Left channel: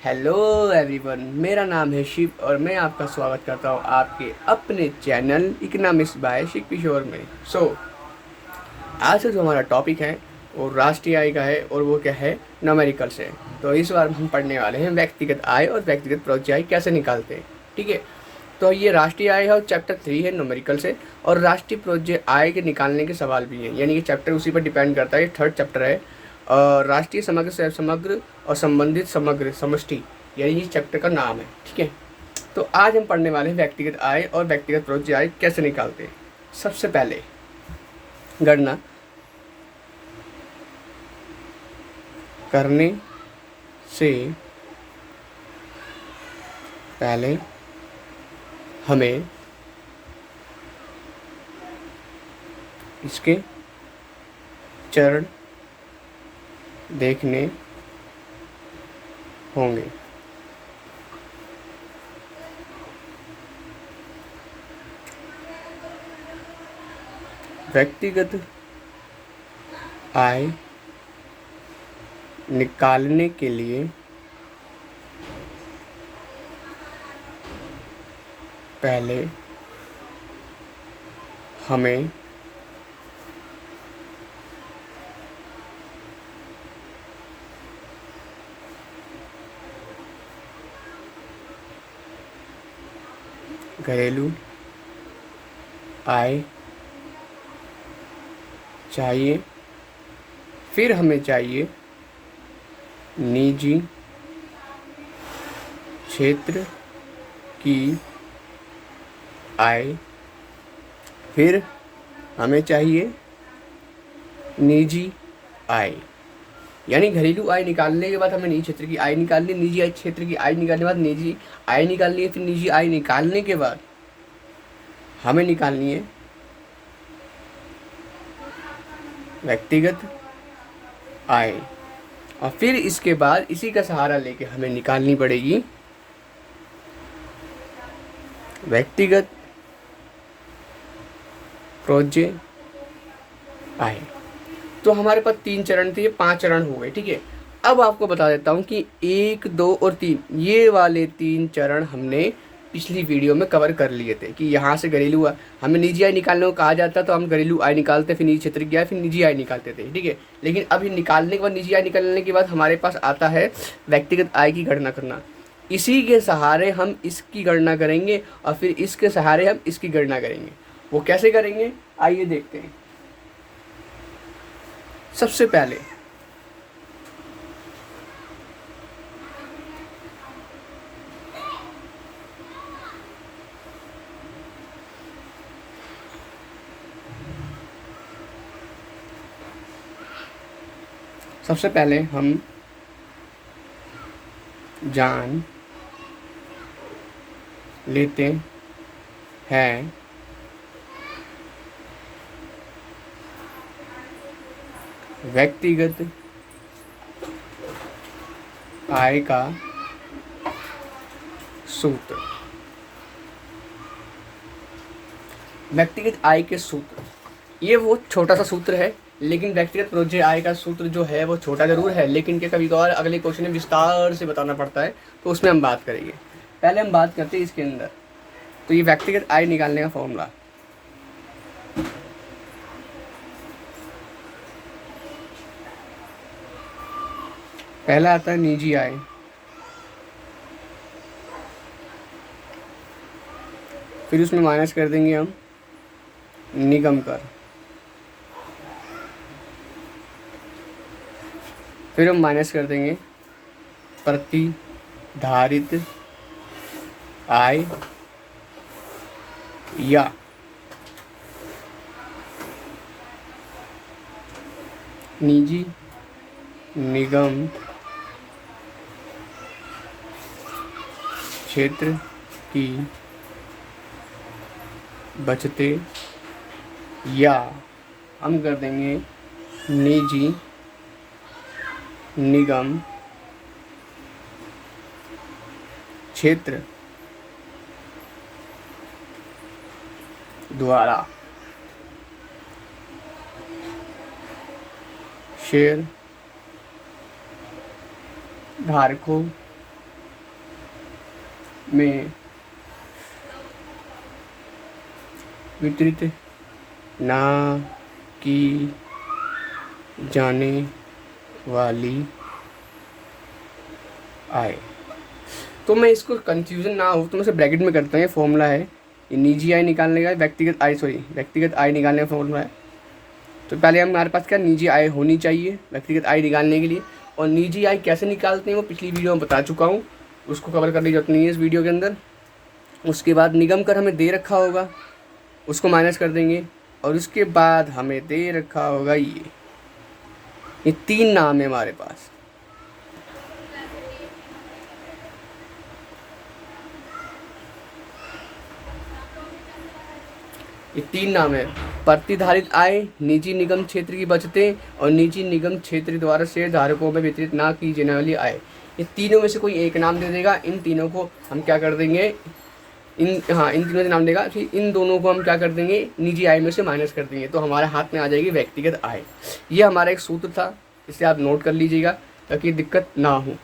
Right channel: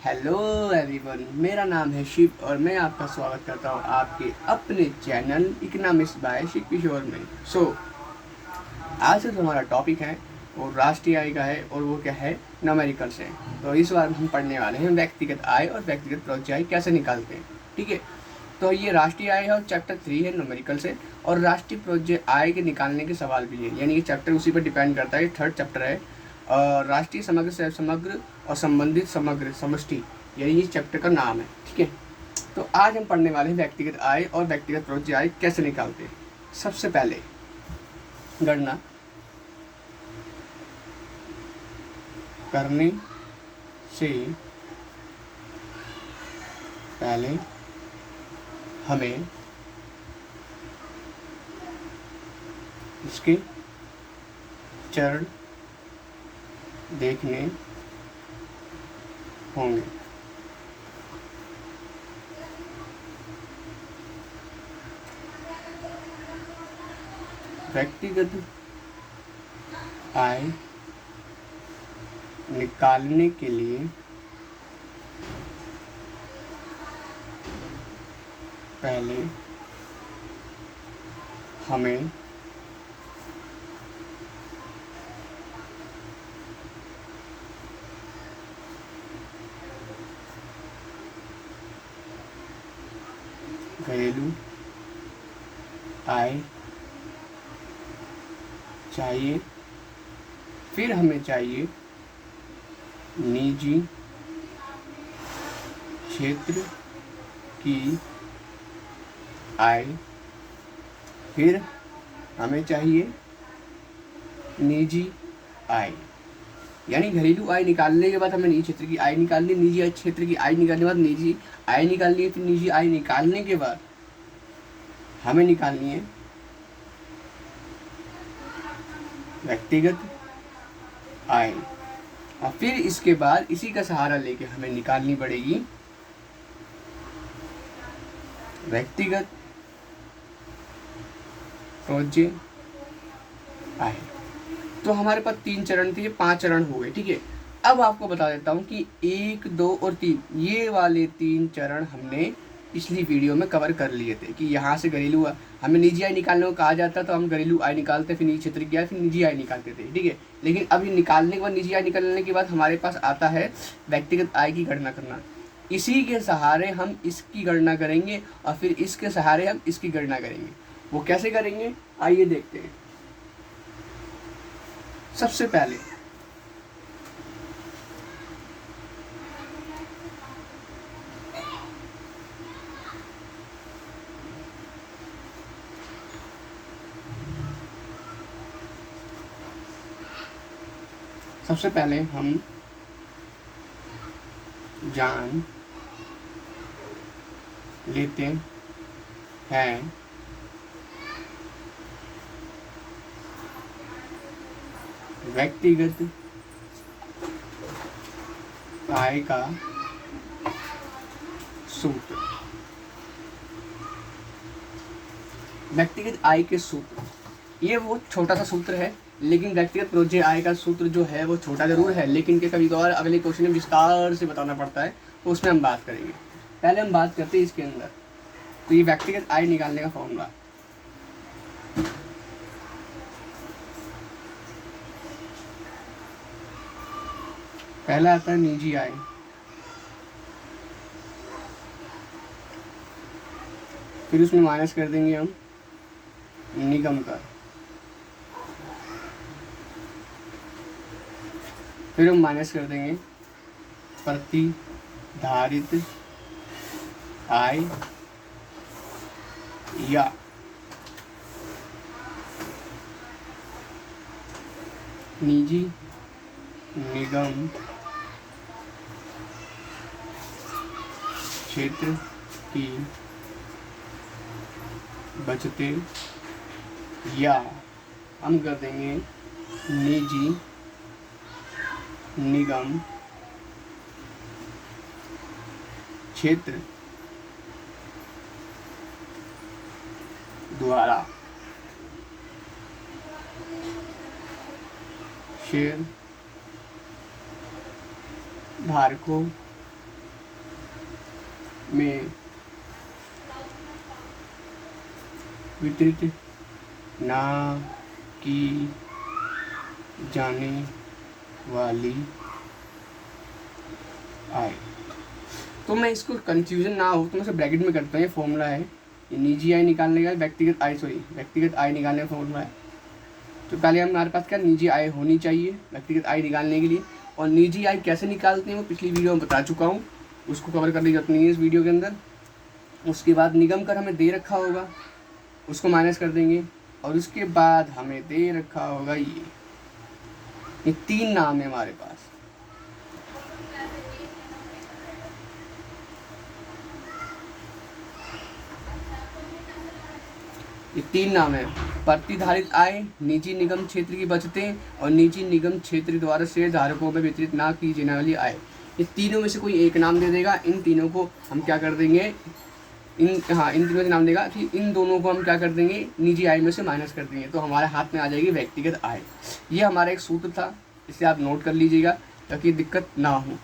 Hello everyone, मेरा नाम है शिव और मैं आपका स्वागत करता हूँ आपके अपने चैनल इकोनॉमिक्स बाय शिव किशोर में। आज से जो हमारा टॉपिक है वो राष्ट्रीय आय का है और वो क्या है, न्यूमेरिकल्स है। तो इस बार हम पढ़ने वाले हैं व्यक्तिगत आय और व्यक्तिगत परोक्ष आय कैसे निकालते हैं। ठीक है, तो ये राष्ट्रीय आय है और चैप्टर 3 है न्यूमेरिकल्स है, और राष्ट्रीय परोक्ष आय के निकालने के सवाल भी हैं, यानी कि चैप्टर उसी पर डिपेंड करता है। थर्ड चैप्टर है राष्ट्रीय समग्र से समग्र और संबंधित समग्र समष्टि, यानी ये चैप्टर का नाम है। ठीक है, तो आज हम पढ़ने वाले हैं व्यक्तिगत आय और व्यक्तिगत परोक्ष आय कैसे निकालते हैं। सबसे पहले गणना करने से पहले हमें इसके चरण देखने होंगे। व्यक्तिगत आय निकालने के लिए पहले हमें घरेलू आय चाहिए, फिर हमें चाहिए निजी क्षेत्र की आय, फिर हमें चाहिए निजी आय। यानी घरेलू आय निकालने के बाद हमें निजी क्षेत्र की आय निकालनी, निजी आय क्षेत्र की आय निकालने के बाद निजी आय निकालनी है, फिर निजी आय निकालने के बाद हमें निकालनी है व्यक्तिगत आय, और फिर इसके बाद इसी का सहारा लेके हमें निकालनी पड़ेगी व्यक्तिगत परोक्ष आय। तो हमारे पास 3 चरण थे, ये 5 चरण हो गए। ठीक है, अब आपको बता देता हूँ कि 1, 2 और 3 ये वाले 3 चरण हमने पिछली वीडियो में कवर कर लिए थे कि यहाँ से घरेलू हमें निजी आय निकालने को कहा जाता, तो हम घरेलू आय निकालते, फिर निजी क्षेत्र की आय, फिर निजी आय निकालते थे। ठीक है, लेकिन अभी निकालने के बाद, निजी आय निकालने के बाद हमारे पास आता है व्यक्तिगत आय की गणना करना। इसी के सहारे हम इसकी गणना करेंगे और फिर इसके सहारे हम इसकी गणना करेंगे। वो कैसे करेंगे, आइए देखते हैं। सबसे पहले हम जान लेते हैं व्यक्तिगत आय का सूत्र। व्यक्तिगत आय के सूत्र, ये वो छोटा सा सूत्र है, लेकिन व्यक्तिगत परोक्ष आय का सूत्र जो है वो छोटा जरूर है, लेकिन कभी कभार अगले क्वेश्चन में विस्तार से बताना पड़ता है, तो उसमें हम बात करेंगे। पहले हम बात करते हैं इसके अंदर। तो ये व्यक्तिगत आय निकालने का फॉर्मूला, पहला आता है निजी आय, फिर उसमें माइनस कर देंगे हम निगम कर, फिर हम माइनस कर देंगे प्रतिधारित आय या निजी निगम क्षेत्र की बचते, या हम कर देंगे निजी निगम क्षेत्र द्वारा शेयर धारकों में वितरित ना की जाने वाली आय। तो मैं इसको कंफ्यूजन ना हो तो मैं इसे ब्रैकेट में करता हूँ। ये फॉर्मूला है, ये निजी आय निकालने का, व्यक्तिगत आय निकालने का फॉर्मूला है। तो पहले हमारे पास क्या निजी आय होनी चाहिए व्यक्तिगत आय निकालने के लिए, और निजी आय कैसे निकालते हैं वो पिछली वीडियो में बता चुका हूँ, उसको कवर करने की जरूरत नहीं है इस वीडियो के अंदर। उसके बाद निगम कर हमें दे रखा होगा, उसको माइनस कर देंगे, और उसके बाद हमें दे रखा होगा ये 3 नाम है हमारे पास। ये 3 नाम है, प्रतिधारित आय, निजी निगम क्षेत्र की बचतें, और निजी निगम क्षेत्र द्वारा शेयर धारकों में वितरित ना की जाने वाली आय। ये तीनों में से कोई एक नाम दे देगा, इन तीनों को हम क्या कर देंगे, इन तीनों से नाम देगा, फिर इन दोनों को हम क्या कर देंगे, निजी आय में से माइनस कर देंगे, तो हमारे हाथ में आ जाएगी व्यक्तिगत आय। ये हमारा एक सूत्र था, इसे आप नोट कर लीजिएगा ताकि दिक्कत ना हो।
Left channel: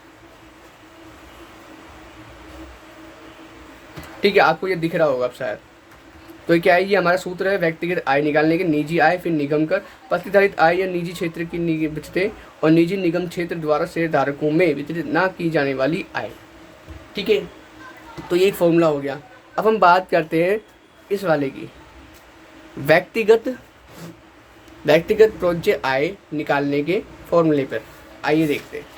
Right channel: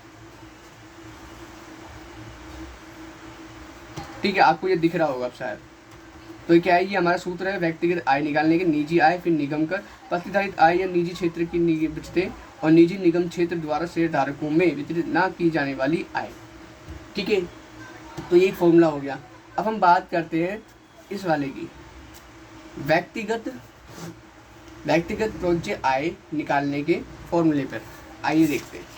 ठीक है, आपको ये दिख रहा होगा अब शायद। तो क्या है, ये हमारा सूत्र है व्यक्तिगत आय निकालने के, निजी आय फिर निगम कर, प्रतिधारित आय या निजी क्षेत्र की बचतें और निजी निगम क्षेत्र द्वारा शेयर धारकों में वितरित ना की जाने वाली आय। ठीक है, तो ये एक फॉर्मूला हो गया। अब हम बात करते हैं इस वाले की, व्यक्तिगत प्रोज्य आय निकालने के फॉर्मूले पर। आइए देखते हैं।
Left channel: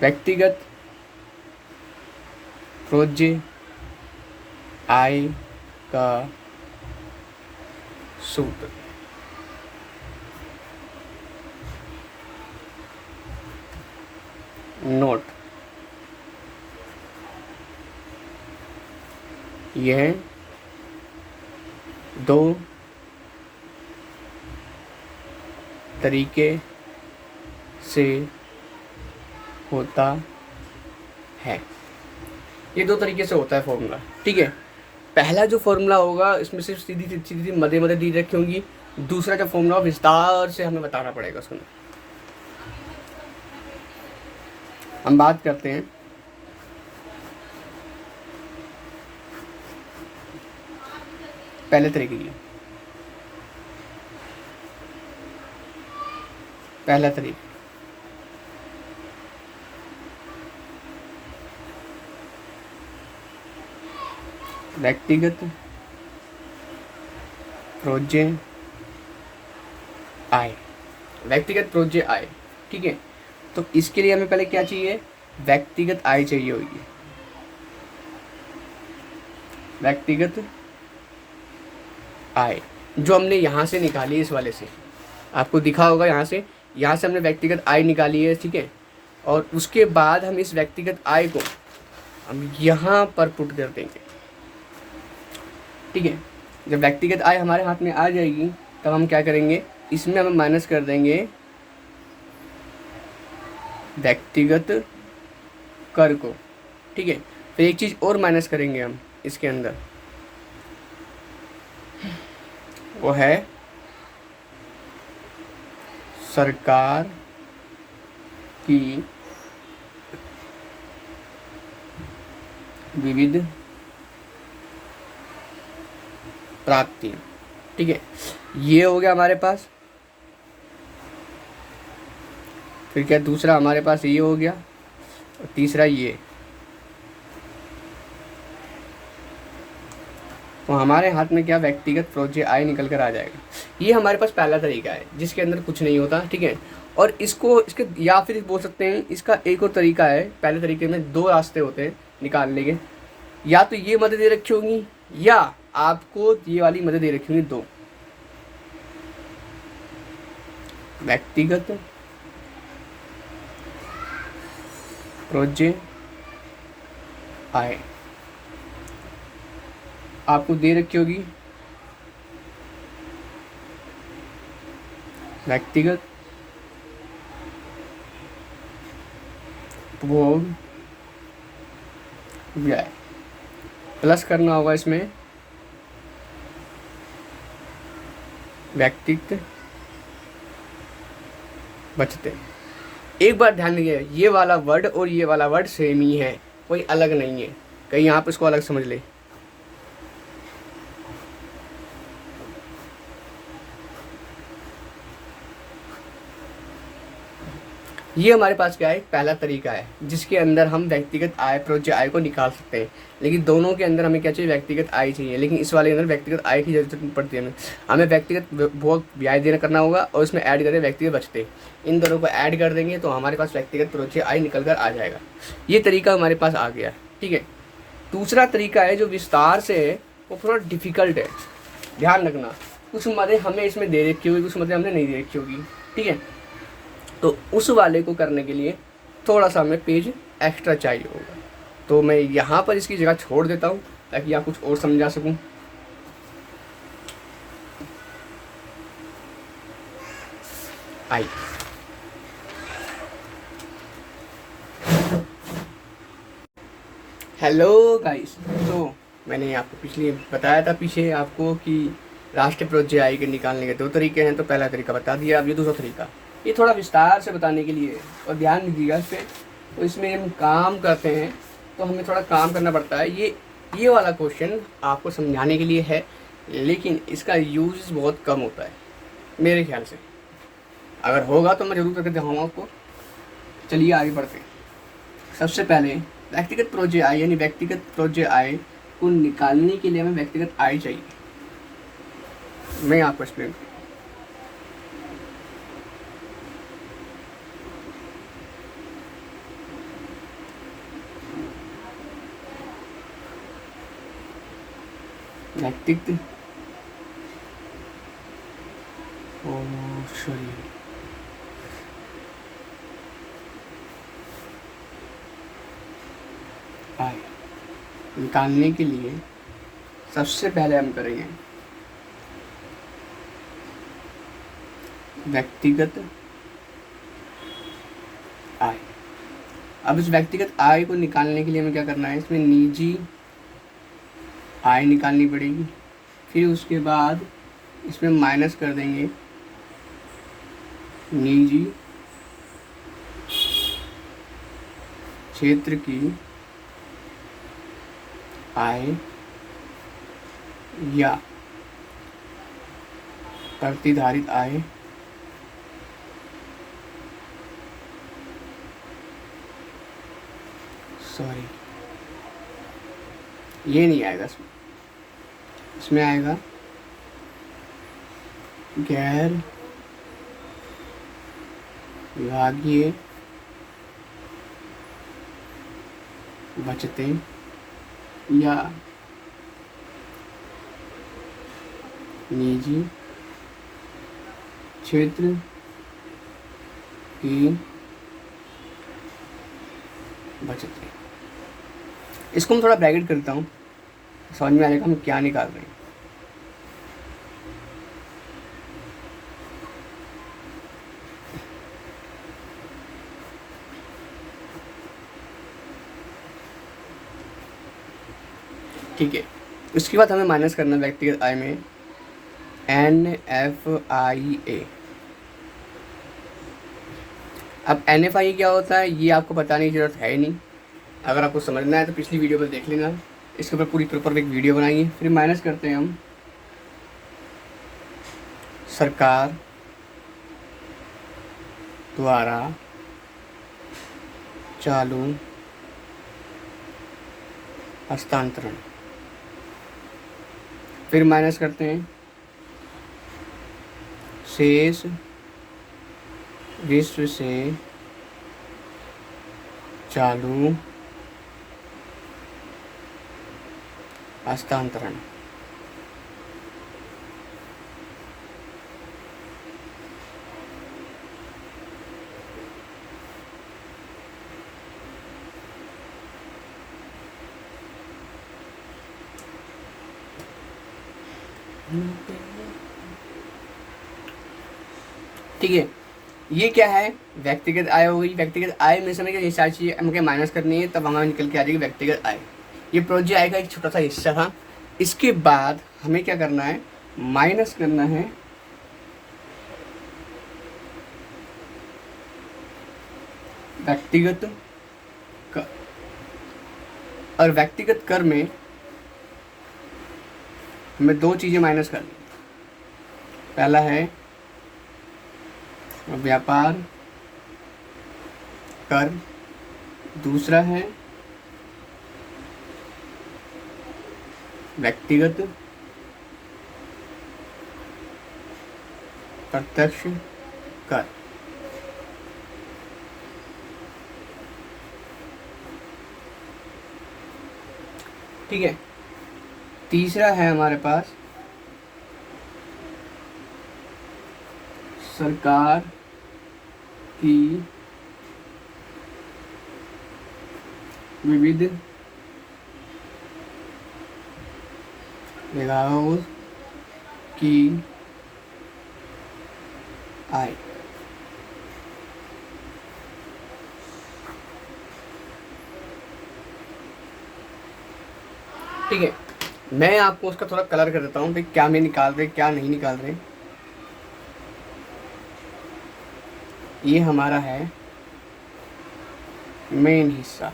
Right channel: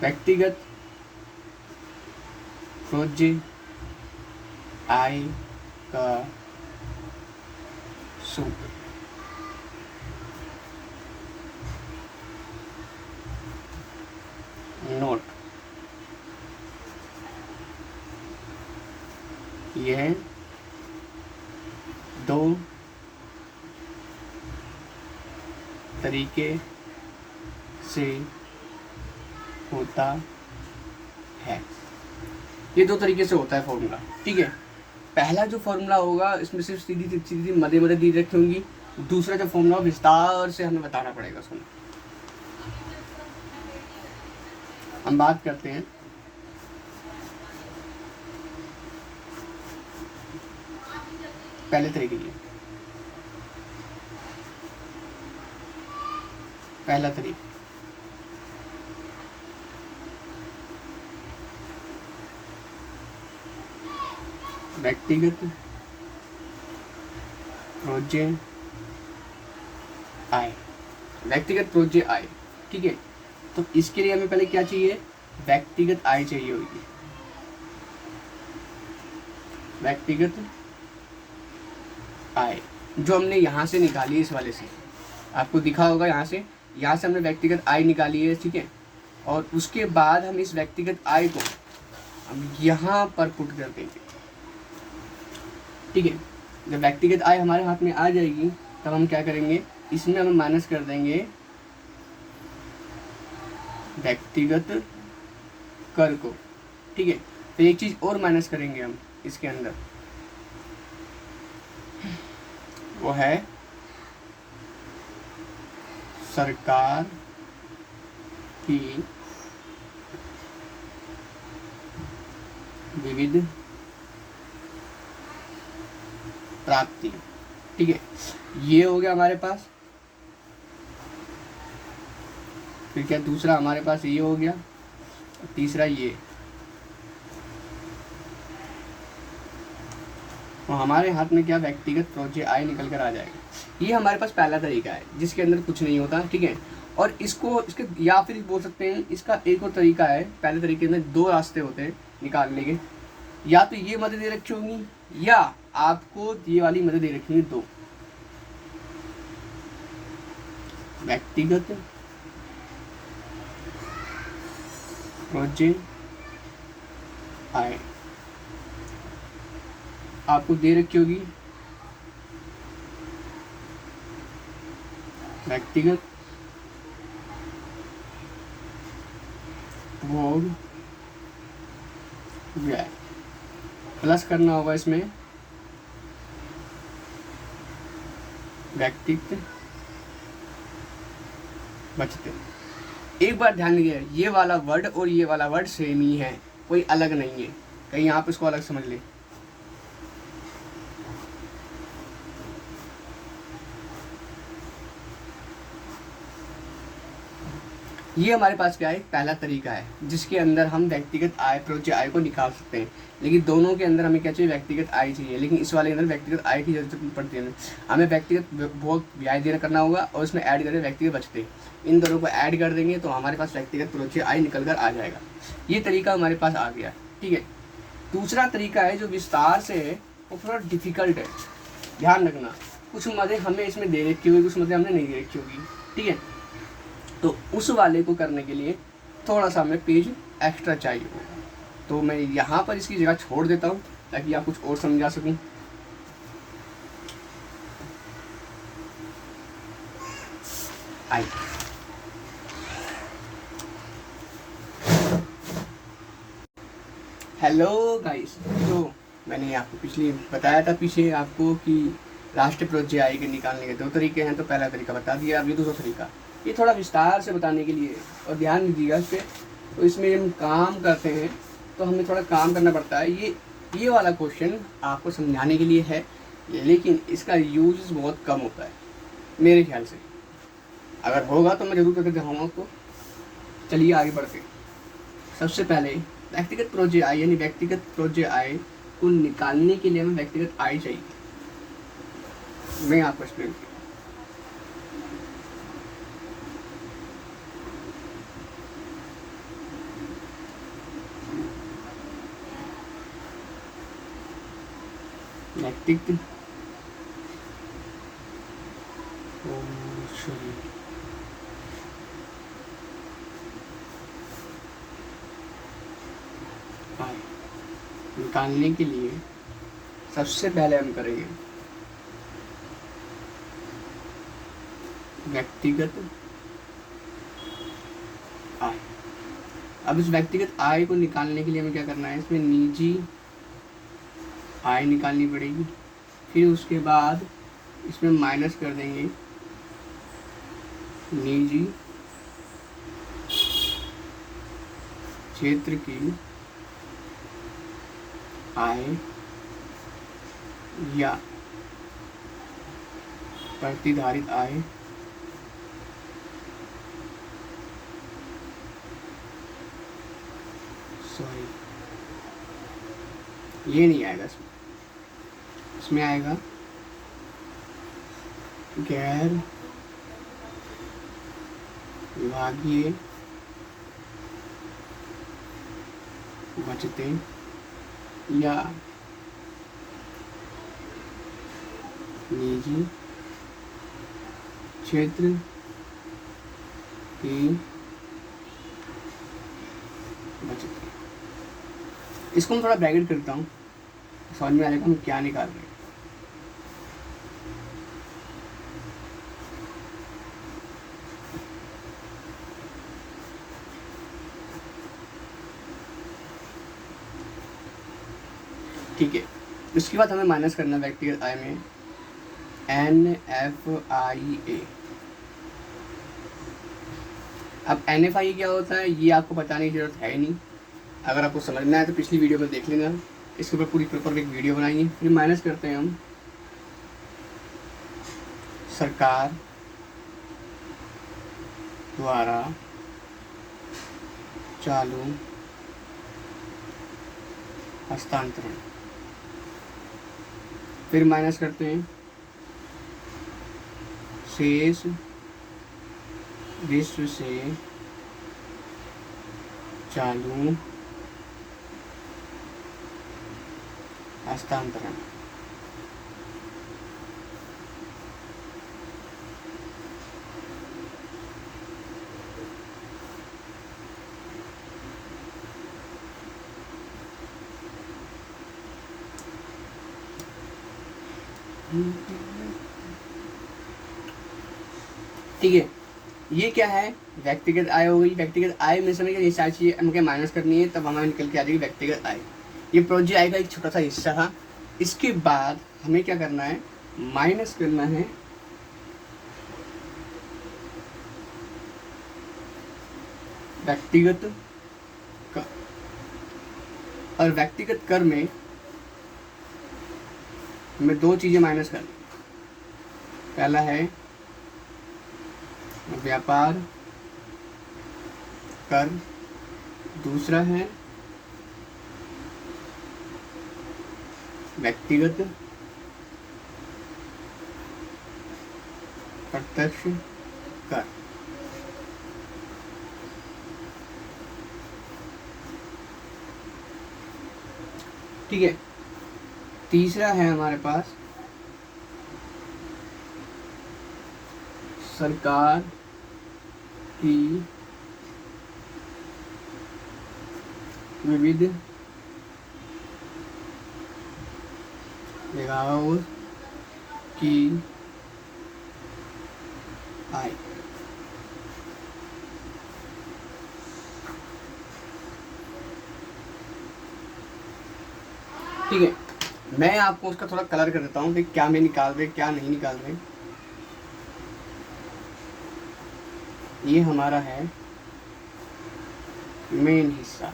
व्यक्तिगत प्रोज्य आय का सूत्र। नोट, यह 2 तरीके से होता है। ये 2 तरीके से होता है फॉर्मूला। ठीक है, पहला जो फॉर्मूला होगा इसमें सिर्फ सीधी सीधी मदे मदे दी रखी होंगी, दूसरा जो फॉर्मूला विस्तार से हमें बताना पड़ेगा उसमें। हम बात करते हैं पहले तरीके की। पहला तरीका, व्यक्तिगत प्रोज्य आय। व्यक्तिगत प्रोज्य आय, ठीक है। तो इसके लिए हमें पहले क्या चाहिए, व्यक्तिगत आय चाहिए होगी। व्यक्तिगत आय जो हमने यहाँ से निकाली, इस वाले से आपको दिखा होगा, यहाँ से हमने व्यक्तिगत आय निकाली है, ठीक है। और उसके बाद हम इस व्यक्तिगत आय को हम यहाँ पर पुट कर देंगे, ठीक है। जब व्यक्तिगत आय हमारे हाथ में आ जाएगी तब हम क्या करेंगे, इसमें हम माइनस कर देंगे व्यक्तिगत कर को, ठीक है। फिर एक चीज़ और माइनस करेंगे हम इसके अंदर, वो है सरकार की विविध प्राप्ति, ठीक है। ये हो गया हमारे पास। फिर क्या दूसरा हमारे पास ये हो गया, और तीसरा ये। तो हमारे हाथ में क्या, व्यक्तिगत प्रोज्य आय निकल कर आ जाएगा। ये हमारे पास पहला तरीका है जिसके अंदर कुछ नहीं होता, ठीक है। और इसके या फिर बोल सकते हैं इसका एक और तरीका है। पहले तरीके में 2 रास्ते होते हैं निकालने के, या तो ये मदद दे रखी होंगी या आपको ये वाली मदद दे रखी होंगी। 2 व्यक्तिगत प्रोज्य आय आपको दे रखी होगी, व्यक्तिगत उपभोग व्यय, प्लस करना होगा इसमें व्यक्तिगत बचते। एक बार ध्यान दीजिए, ये वाला वर्ड और ये वाला वर्ड सेम ही है, कोई अलग नहीं है, कहीं आप इसको अलग समझ ले। ये हमारे पास क्या है, पहला तरीका है जिसके अंदर हम व्यक्तिगत आय, प्रोज्य आय को निकाल सकते हैं। लेकिन दोनों के अंदर हमें क्या चाहिए, व्यक्तिगत आय चाहिए। लेकिन इस वाले के अंदर व्यक्तिगत आय की जरूरत पड़ती है, हमें व्यक्तिगत भोग ब्याज देना करना होगा और उसमें ऐड करें व्यक्तिगत बचते। इन दोनों को ऐड कर देंगे तो हमारे पास व्यक्तिगत प्रोज्य आय निकल कर आ जाएगा। ये तरीका हमारे पास आ गया, ठीक है। दूसरा तरीका है जो विस्तार से है, वो थोड़ा डिफिकल्ट है, ध्यान रखना। कुछ मदे हमें इसमें दे रखी होगी, कुछ मदे हमने नहीं दे रखी होगी, ठीक है। तो उस वाले को करने के लिए थोड़ा सा हमें पेज एक्स्ट्रा चाहिए होगा, तो मैं यहाँ पर इसकी जगह छोड़ देता हूँ ताकि यहाँ कुछ और समझा सकूँ। आई हेलो गाइस, तो मैंने आपको पिछले बताया था पीछे आपको कि राष्ट्रीय प्रोज्य आय के निकालने के दो तरीके हैं। तो पहला तरीका बता दिया, अब ये दूसरा तरीका, ये थोड़ा विस्तार से बताने के लिए, और ध्यान दीजिएगा इस पर। तो इसमें हम काम करते हैं तो हमें थोड़ा काम करना पड़ता है। ये वाला क्वेश्चन आपको समझाने के लिए है, लेकिन इसका यूज बहुत कम होता है मेरे ख्याल से। अगर होगा तो मैं जरूर करके दिखाऊंगा उसको। चलिए आगे बढ़ते हैं। सबसे पहले व्यक्तिगत प्रोज्य आय, यानी व्यक्तिगत प्रोज्य आय को निकालने के लिए हमें व्यक्तिगत आय चाहिए। मैं आपको एक्सप्लेन करूँ। व्यक्तिगत आय निकालने के लिए सबसे पहले हम करेंगे व्यक्तिगत आय। अब इस व्यक्तिगत आय को निकालने के लिए हमें क्या करना है, इसमें निजी आय निकालनी पड़ेगी। फिर उसके बाद इसमें माइनस कर देंगे निजी क्षेत्र की आय या प्रतिधारित आय सॉरी, ये नहीं आएगा इसमें। इसमें आएगा गैर विभागीय बचते या निजी क्षेत्र की बचते। इसको मैं थोड़ा ब्रैकेट करता हूँ, समझ में आएगा हम क्या निकाल रहे हैं। ठीक है, उसके बाद हमें माइनस करना व्यक्तिगत आय में NFIA। अब NFIA क्या होता है ये आपको बताने की जरूरत है ही नहीं। अगर आपको समझना है तो पिछली वीडियो में देख लेना, इसके ऊपर पूरी प्रॉपर एक वीडियो बनाएंगे। फिर माइनस करते हैं हम सरकार द्वारा चालू हस्तांतरण। फिर माइनस करते हैं शेष विश्व से चालू हस्तांतरण। ठीक है, ये क्या है, व्यक्तिगत आय हो गई। व्यक्तिगत आय में से हमें ये सारी चीजें हमको माइनस करनी है, तब हमारे निकल के आ जाएगी व्यक्तिगत आय। ये प्रोजेक्ट आएगा, एक छोटा सा हिस्सा था। इसके बाद हमें क्या करना है, माइनस करना है व्यक्तिगत कर। और व्यक्तिगत कर में हमें दो चीजें माइनस करनी। पहला है व्यापार कर, दूसरा है व्यक्तिगत प्रत्यक्ष कर। ठीक है, तीसरा है हमारे पास सरकार की विविध जगहों की आय। ठीक है, मैं आपको उसका थोड़ा कलर कर देता हूँ कि क्या मैं निकाल रहे क्या नहीं निकाल रहे। ये हमारा है मेन हिस्सा।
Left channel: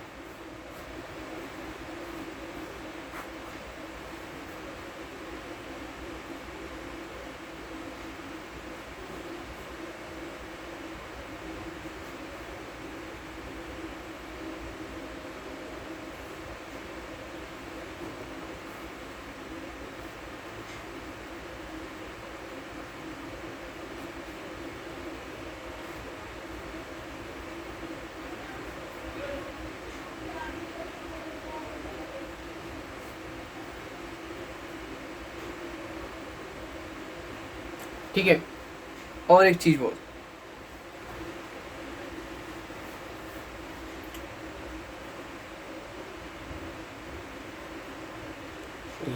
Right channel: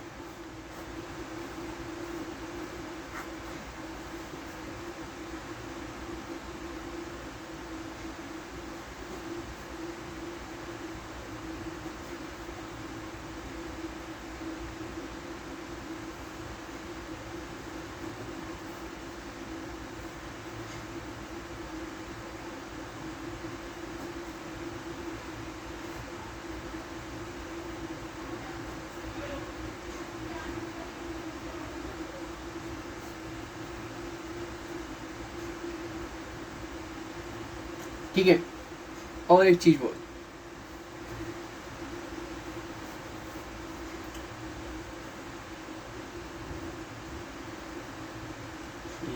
ठीक है, और एक चीज बोल,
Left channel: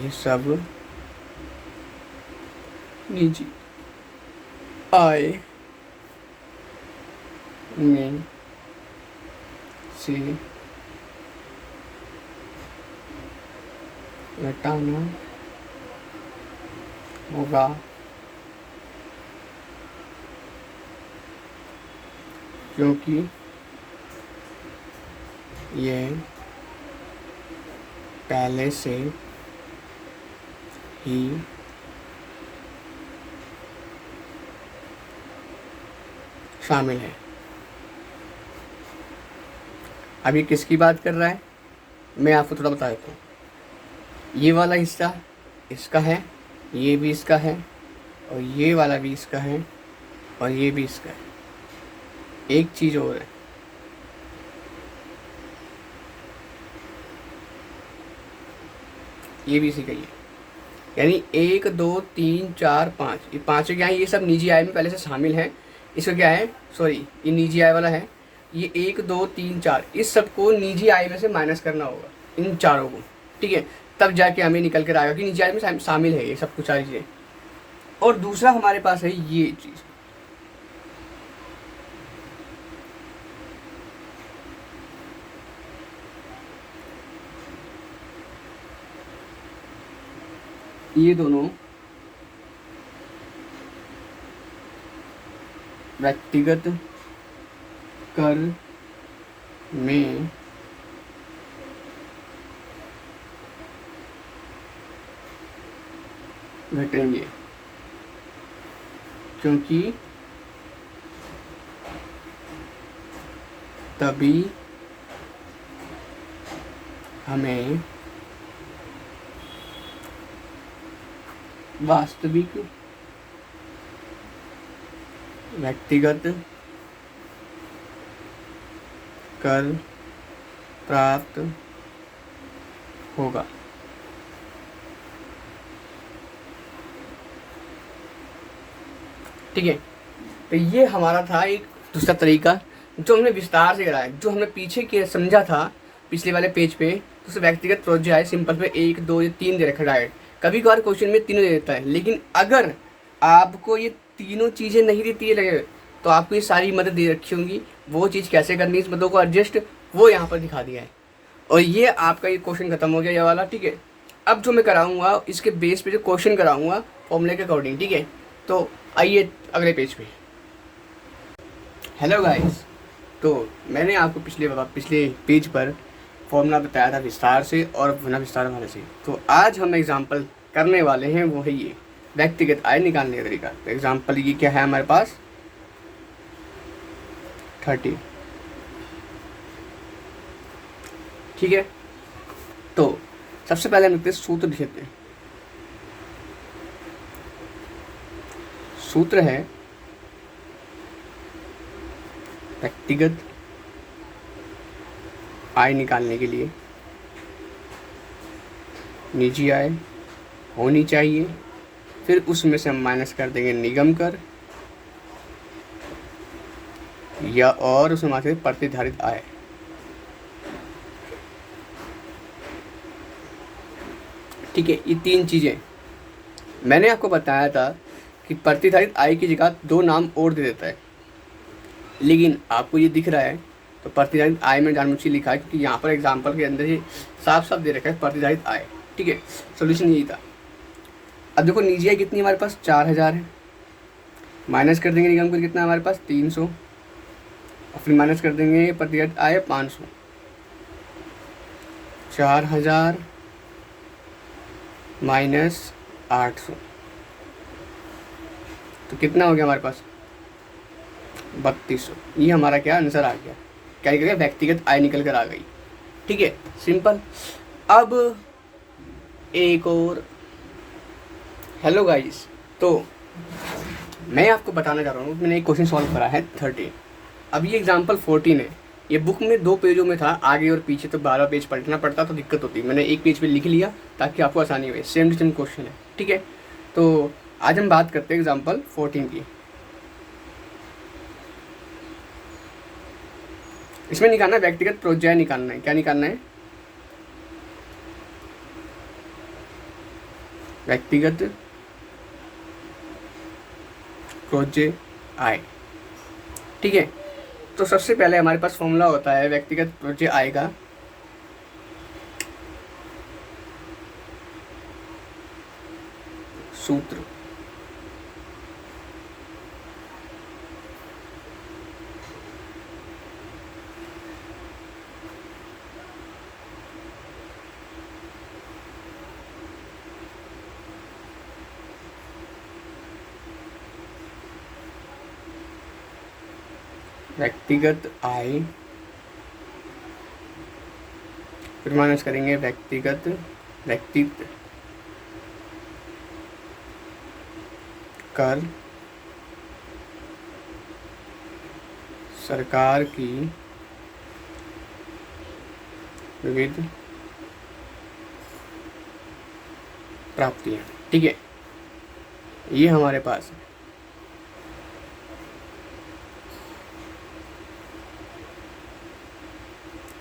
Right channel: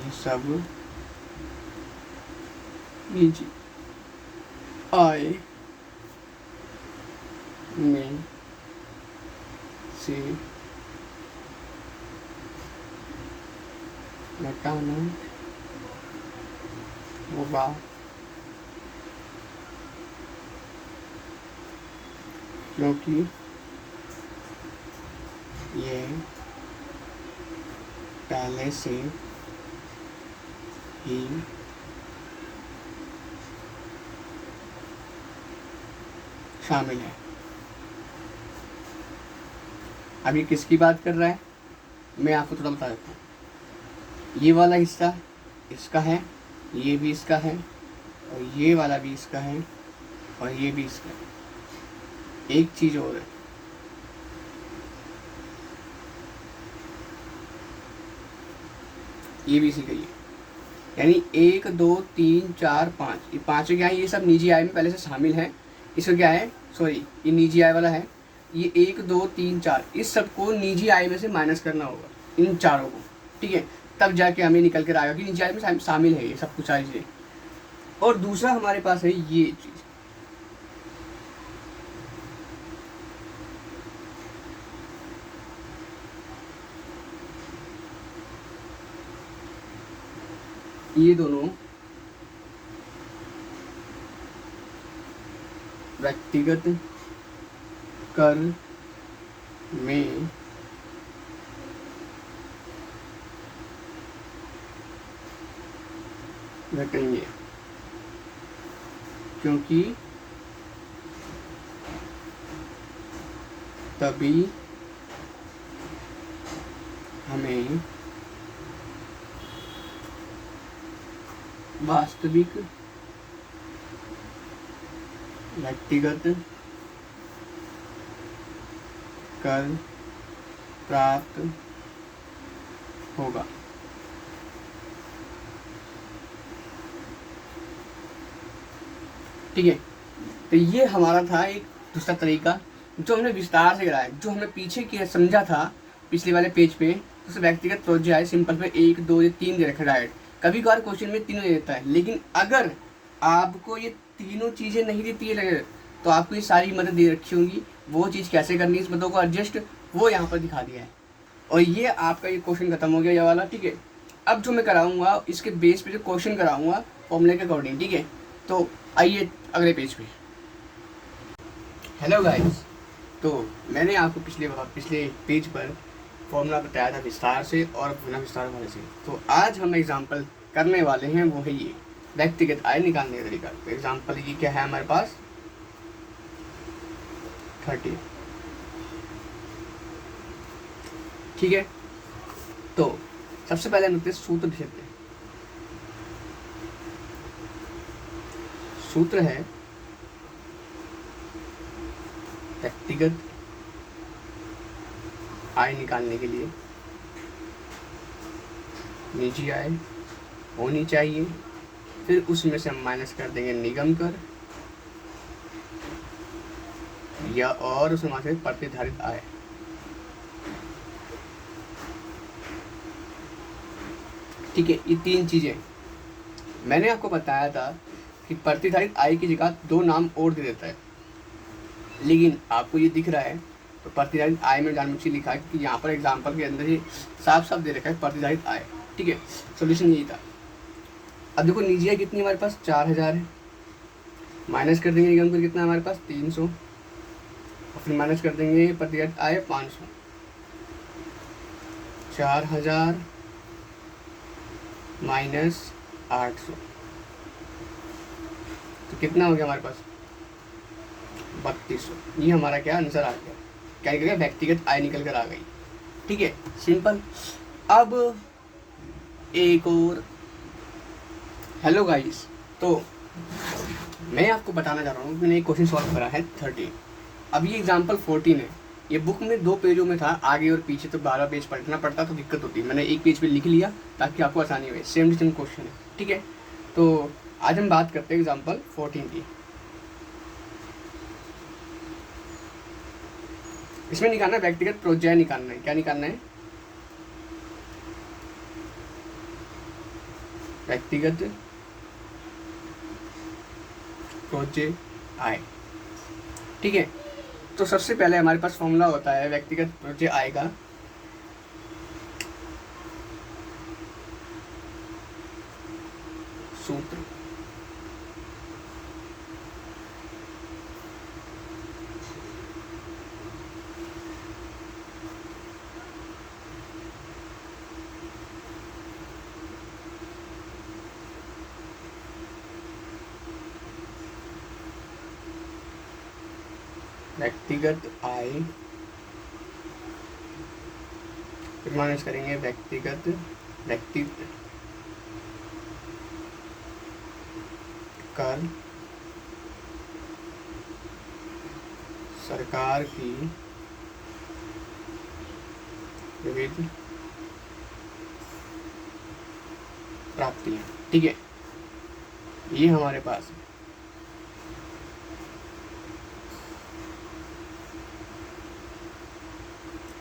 ये सब निजी आय में से घटाना होगा, क्योंकि ये पहले से ही शामिल है। अभी किसकी बात कर रहा है, मैं आपको थोड़ा बता देता हूँ। ये वाला हिस्सा इसका है, ये भी इसका है, और ये वाला भी इसका है, और ये भी इसका है। एक चीज और है, ये भी इसी का ही है। यानी 1 2 3 4 5, ये पांचों क्या है, ये सब निजी आय में पहले से शामिल है। इसका क्या है, सॉरी ये निजी आय वाला है। ये 1 2 3 4 इस सबको निजी आय में से माइनस करना होगा, इन चारों को। ठीक है, तब जाके हमें निकल कर आएगा कि निजी आय में शामिल है ये सब कुछ सारी चीजें। और दूसरा हमारे पास है ये चीज, ये दोनों व्यक्तिगत कर में घटेंगे, क्योंकि तभी हमें वास्तविक व्यक्तिगत कर प्राप्त होगा। ठीक है, तो ये हमारा था एक दूसरा तरीका जो हमने विस्तार से कराया, जो हमने पीछे के समझा था पिछले वाले पेज पे। जैसे व्यक्तिगत प्रोजेक्ट है, सिंपल पे 1 2 या 3 दे रखा है डायरेक्ट, कभी कभार क्वेश्चन में तीनों दे देता है। लेकिन अगर आपको ये तीनों चीज़ें नहीं देती है तो आपको ये सारी मदद दे रखी होंगी, वो चीज़ कैसे करनी है, इस मदों को एडजस्ट, वो यहाँ पर दिखा दिया है। और ये आपका ये क्वेश्चन खत्म हो गया ये वाला, ठीक है। अब जो मैं कराऊंगा इसके बेस पे जो क्वेश्चन कराऊंगा फॉर्मूले के अकॉर्डिंग, ठीक है। तो आइए अगले पेज पे। हेलो गाइस, तो मैंने आपको पिछले पेज पर फॉर्मूला बताया था विस्तार से और पुनः विस्तार वाले से। तो आज हम एग्जांपल करने वाले हैं वो है ये व्यक्तिगत आय निकालने का तरीका। तो एग्जांपल ये क्या है हमारे पास 30, ठीक है। तो सबसे पहले हम लिखते हैं सूत्र लिखते हैं। सूत्र है व्यक्तिगत आय निकालने के लिए निजी आय होनी चाहिए, फिर उसमें से हम माइनस कर देंगे निगम कर या और उसमें माइनस करेंगे प्रतिधारित आय। ठीक है, ये तीन चीजें मैंने आपको बताया था कि प्रतिधारित आय की जगह दो नाम और दे देता है, लेकिन आपको ये दिख रहा है तो प्रतिधारित आय में जानबूझकर लिखा है क्योंकि यहाँ पर एग्जाम्पल के अंदर ही साफ साफ दे रखा है प्रतिधारित आय, ठीक है। सोल्यूशन यही था। अब देखो निजी आय कितनी हमारे पास 4000 है, माइनस कर देंगे निगम कर कितना हमारे पास 300 और फिर माइनस कर देंगे प्रतिधारित आय 500। 4000 माइनस 800 तो कितना हो गया हमारे पास 3200। ये हमारा क्या आंसर आ गया, क्या गया व्यक्तिगत आय निकल कर आ गई, ठीक है, सिंपल। अब एक और, हेलो गाइस, तो मैं आपको बताना चाह रहा हूँ मैंने एक क्वेश्चन सॉल्व करा है 13। अब ये एग्जाम्पल 14 है। ये बुक में 2 पेजों में था, आगे और पीछे तो 12 पेज पलटना पड़ता तो दिक्कत होती। मैंने एक पेज पे लिख लिया ताकि आपको आसानी हो। सेम टू सेम क्वेश्चन है, ठीक है। तो आज हम बात करते हैं एग्जाम्पल 14 की। इसमें निकालना है व्यक्तिगत प्रोज्य निकालना है। क्या निकालना है? व्यक्तिगत प्रोज्य आय, ठीक है। तो सबसे पहले हमारे पास फॉर्मूला होता है व्यक्तिगत प्रोज्य आय का। सूत्र व्यक्तिगत आय फिर माइनस करेंगे व्यक्तित्व कर सरकार की विविध प्राप्तियां, ठीक है। ये हमारे पास है।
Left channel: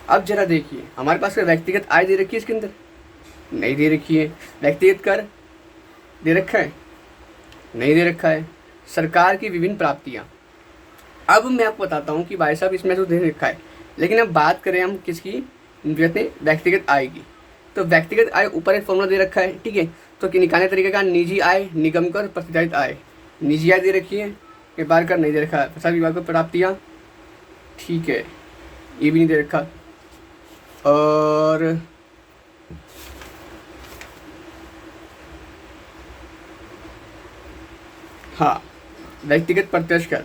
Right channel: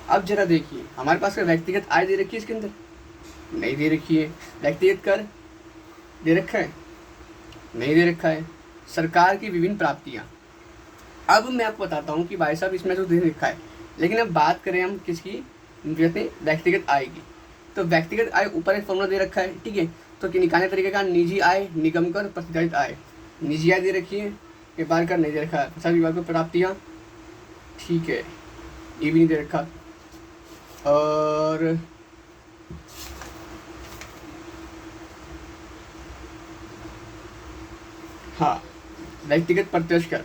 अब जरा देखिए हमारे पास व्यक्तिगत आय दे रखी है, इसके अंदर नहीं दे रखी है। व्यक्तिगत कर दे रखा है, नहीं दे रखा है। सरकार की विभिन्न प्राप्तियां, अब मैं आपको बताता हूँ कि भाई साहब इसमें तो दे रखा है, लेकिन अब बात करें हम किसकी, व्यक्तिगत आय की। तो व्यक्तिगत आय ऊपर एक फॉर्मूला दे रखा है, ठीक है। तो कि निकालने तरीके का निजी आय निगम कर प्रतिधारित आय। निजी आय दे रखी है, व्यापार कर नहीं दे रखा है। प्रसार विभाग को प्राप्तियां, ठीक है, ये भी नहीं दे रखा। और हाँ, व्यक्तिगत प्रत्यक्ष कर,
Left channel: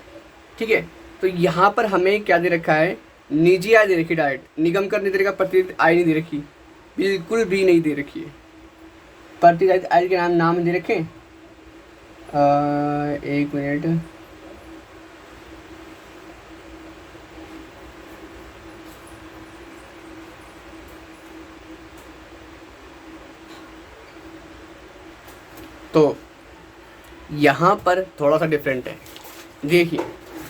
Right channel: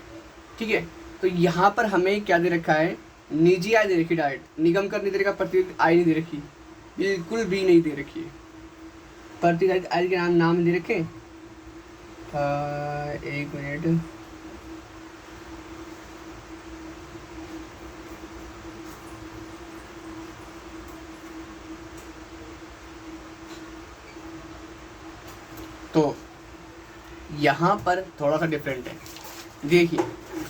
ठीक है। तो यहाँ पर हमें क्या दे रखा है, निजी आय दे रखी डायरेक्ट, निगम कर नहीं दे रखा, प्रतिधारित आय नहीं दे रखी, बिल्कुल भी नहीं दे रखी है। प्रतिधारित आय के नाम दे रखे, एक मिनट, तो यहाँ पर थोड़ा सा डिफरेंट है। देखिए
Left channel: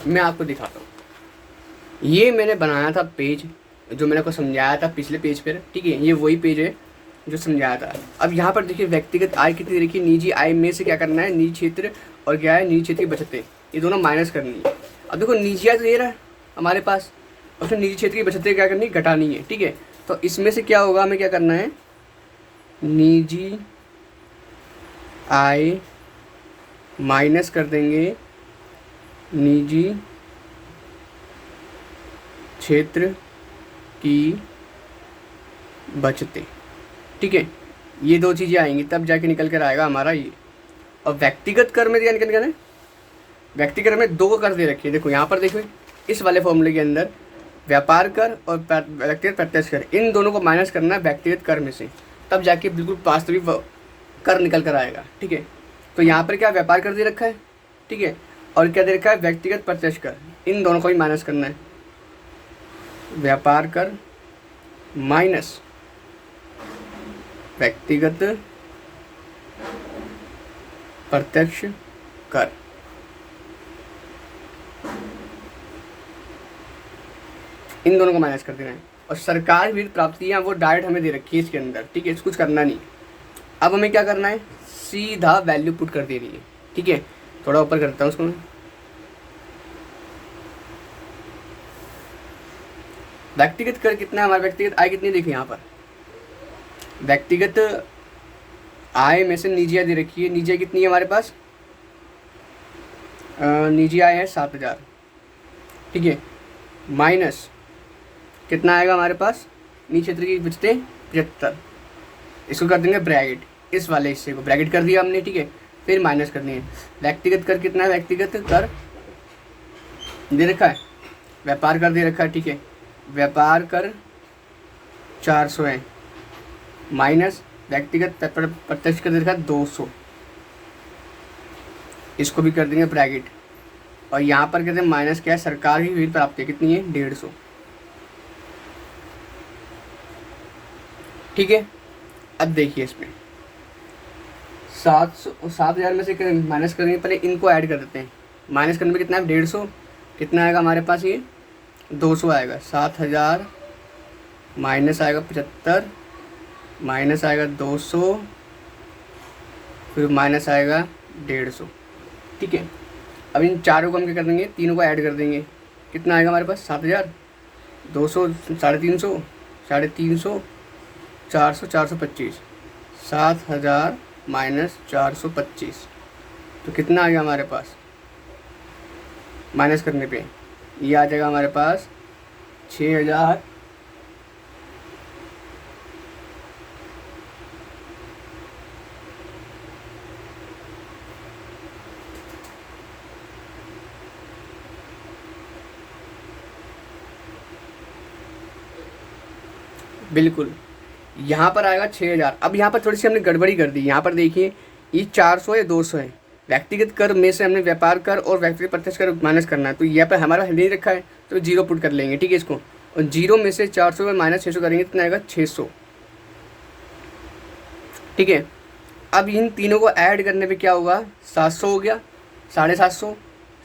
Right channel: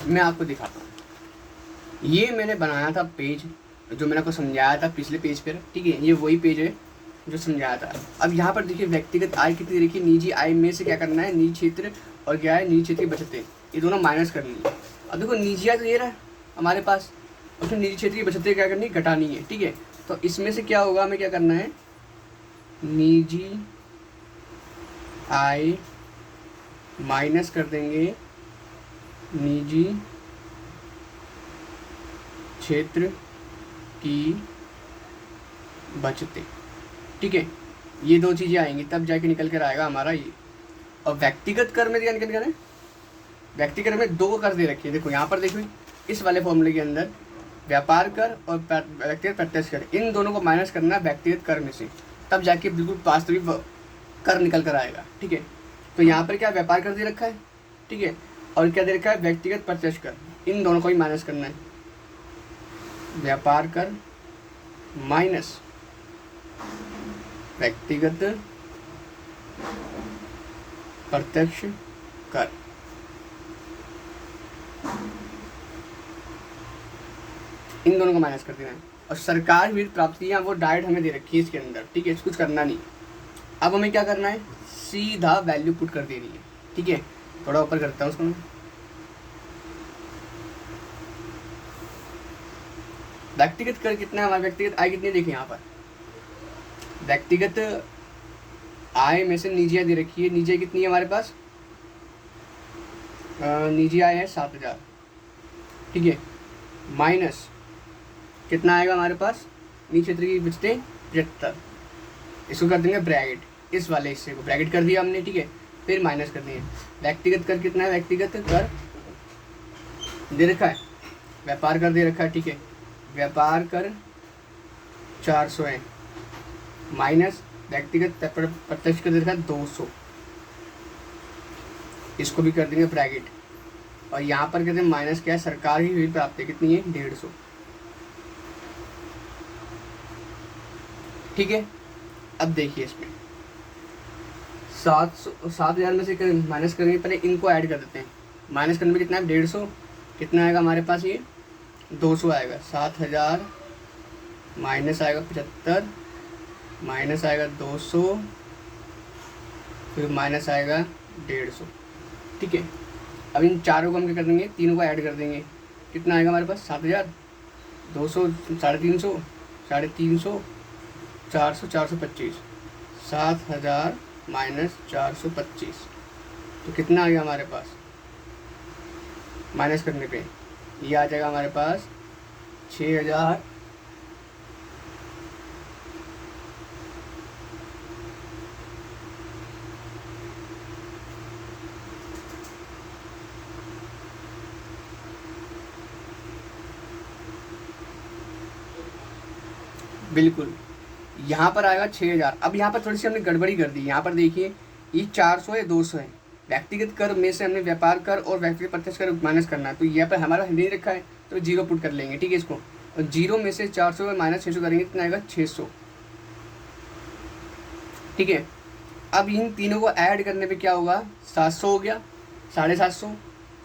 मैं आपको दिखाता हूँ। ये मैंने बनाया था पेज जो मैंने आपको समझाया था पिछले पेज पर, ठीक है। ये वही पेज है जो समझाया था। अब यहाँ पर देखिए व्यक्तिगत आय कितनी देखिए, निजी आय में से क्या करना है, निजी क्षेत्र और क्या है निजी क्षेत्र की बचतें, ये दोनों माइनस करनी है। अब देखो निजी आय तो ये रहा है हमारे पास, और फिर निजी क्षेत्र की बचतें क्या करनी है, घटानी है, ठीक है। तो इसमें से क्या होगा, हमें क्या करना है, निजी आय माइनस कर देंगे निजी क्षेत्र की बचतें। ठीक है, ये दो चीज़ें आएंगी तब जाके निकल कर आएगा हमारा ये। और व्यक्तिगत कर में क्या निकल कर है, व्यक्तिगत कर में दो कर दे रखी है, देखो यहाँ पर देखो इस वाले फॉर्मूले के अंदर व्यापार कर और व्यक्तिगत प्रत्यक्ष कर, इन दोनों को माइनस करना है व्यक्तिगत कर में से, तब जाके बिल्कुल वास्तविक कर निकल कर आएगा। ठीक है, तो यहाँ पर क्या व्यापार कर दे रखा है, ठीक है, और क्या दे रखा है व्यक्तिगत प्रत्यक्ष कर, इन दोनों को ही माइनस करना है, व्यापार कर माइनस व्यक्तिगत प्रत्यक्ष कर। इन दोनों को माइनस कर देना है। और सरकार विविध प्राप्तियां वो डायरेक्ट हमें दे रखी है इसके अंदर। ठीक है, कुछ करना नहीं। अब हमें क्या करना है, सीधा वैल्यू पुट कर देनी है। ठीक है, थोड़ा ऊपर करता हूँ उसको। व्यक्तिगत कर कितना है हमारा, व्यक्तिगत आय कितनी देखिए यहाँ पर, व्यक्तिगत आय में से निजी आय दे रखी है। निजी आय कितनी है हमारे पास, निजी आय है 7,000। ठीक है, माइनस कितना आएगा हमारे पास, निजी क्षेत्र की बचतें 75। इसको कर देंगे ब्रैकेट, इस वाले हिस्से को ब्रैकेट कर दिया हमने। ठीक है, फिर माइनस करनी है। व्यक्तिगत कर कितना है, व्यक्तिगत कर दे रखा है, व्यापार कर दे रखा है। ठीक है, व्यापार कर 400 है, माइनस व्यक्तिगत प्रत्यक्ष कर दे रखा है 200। इसको भी कर देंगे ब्रैकेट। और यहाँ पर कहते हैं माइनस क्या है, सरकार की विविध प्राप्ति कितनी है, 150। ठीक है, अब देखिए इसमें 7,000 में से माइनस करेंगे, पहले इनको ऐड कर देते हैं। माइनस करने में कितना है, 150। कितना आएगा हमारे पास, ये 200 आएगा। 7,000 माइनस आएगा 75, माइनस आएगा 200, फिर माइनस आएगा 150। ठीक है, अब इन चारों को हम क्या कर देंगे, तीनों को ऐड कर देंगे। कितना आएगा हमारे पास, 7,000, 200, 350, 350, 400, 425। 7,000 माइनस 425, तो कितना आएगा हमारे पास, माइनस करने पे ये आ जाएगा हमारे पास 6,000 बिल्कुल यहाँ पर आएगा 6,000। अब यहाँ पर थोड़ी सी हमने गड़बड़ी कर दी। यहाँ पर देखिए ये 400 है, 200 है। व्यक्तिगत कर में से हमने व्यापार कर और व्यक्तिगत प्रत्यक्ष कर माइनस करना है, तो यहाँ पर हमारा नहीं रखा है तो जीरो पुट कर लेंगे। ठीक है, इसको, और जीरो में से 400 में माइनस 600 करेंगे, कितना आएगा, 600। ठीक है, अब इन तीनों को ऐड करने पे क्या होगा, 700 हो गया, 750,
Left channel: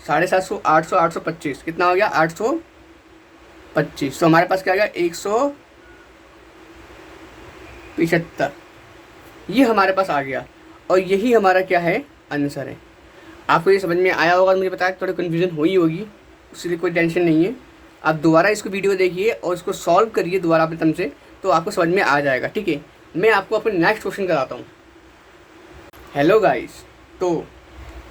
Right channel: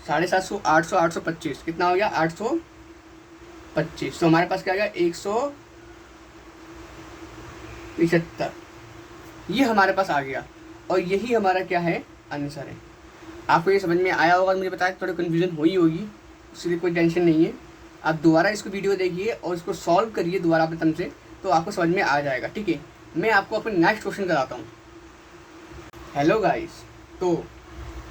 750, 800, 825, कितना हो गया, 825। तो हमारे पास क्या आ गया, 175। ये हमारे पास आ गया और यही हमारा क्या है, आंसर है। आपको ये समझ में आया होगा, मुझे पता है थोड़ी कन्फ्यूजन हुई होगी, इसलिए कोई टेंशन नहीं है। आप दोबारा इसको वीडियो देखिए और इसको सॉल्व करिए दोबारा अपने तम से, तो आपको समझ में आ जाएगा। ठीक है, मैं आपको अपने नेक्स्ट क्वेश्चन कराता हूँ। हेलो गाइस, तो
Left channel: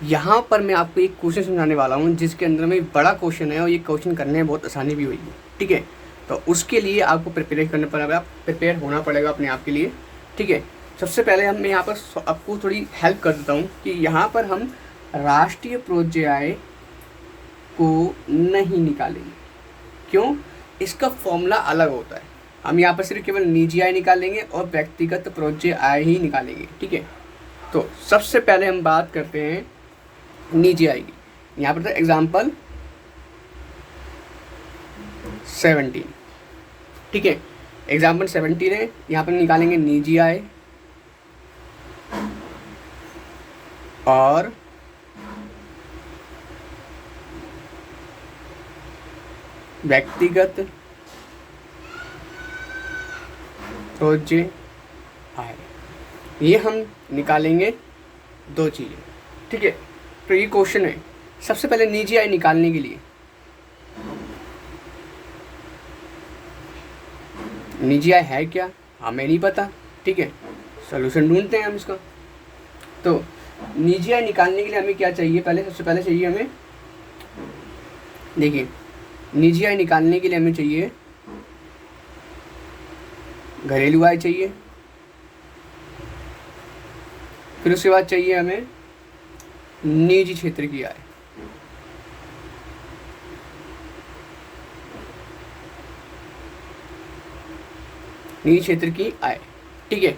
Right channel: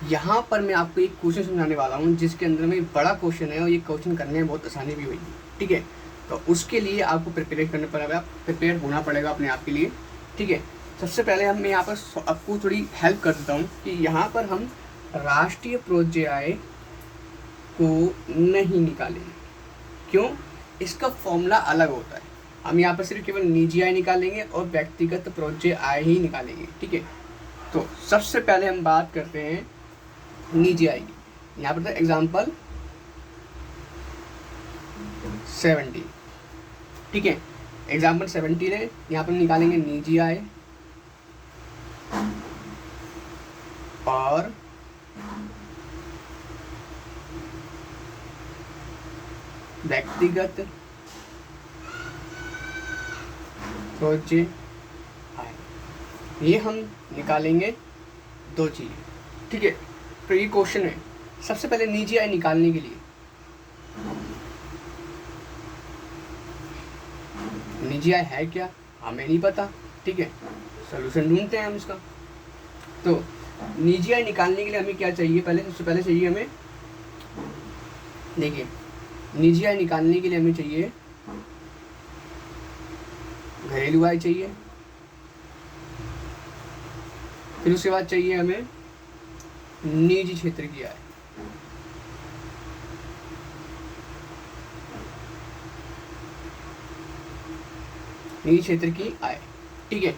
यहाँ पर मैं आपको एक क्वेश्चन समझाने वाला हूँ जिसके अंदर में बड़ा क्वेश्चन है और ये क्वेश्चन करने में बहुत आसानी भी होगी। ठीक है, तो उसके लिए आपको प्रिपेयर करना पड़ेगा, प्रिपेयर होना पड़ेगा अपने आप के लिए। ठीक है, सबसे पहले मैं यहाँ पर आपको थोड़ी हेल्प कर देता हूँ कि यहाँ पर हम राष्ट्रीय प्रोज्य आय को नहीं निकालेंगे। क्यों, इसका फॉर्मूला अलग होता है। हम यहाँ पर सिर्फ केवल निजी आय निकालेंगे और व्यक्तिगत प्रोज्य आय ही निकालेंगे। ठीक है, तो सबसे पहले हम बात करते हैं निजी आय की। यहाँ पर तो एग्जाम्पल 17। ठीक है, एग्जाम्पल 17 है, यहाँ पर निकालेंगे निजी आय और व्यक्तिगत प्रोज्य आय, ये हम निकालेंगे दो चीज़ें। ठीक है, तो ये क्वेश्चन है। सबसे पहले निजी आय निकालने के लिए निजी आय है क्या, हमें नहीं पता, ठीक है, सोल्यूशन ढूंढते हैं हम इसका। तो निजी आय निकालने के लिए हमें क्या चाहिए, सबसे पहले चाहिए हमें, देखिए निजी आय निकालने के लिए हमें चाहिए घरेलू आय चाहिए, फिर उसके बाद चाहिए हमें निजी क्षेत्र की आय। निजी क्षेत्र की आय, ठीक है।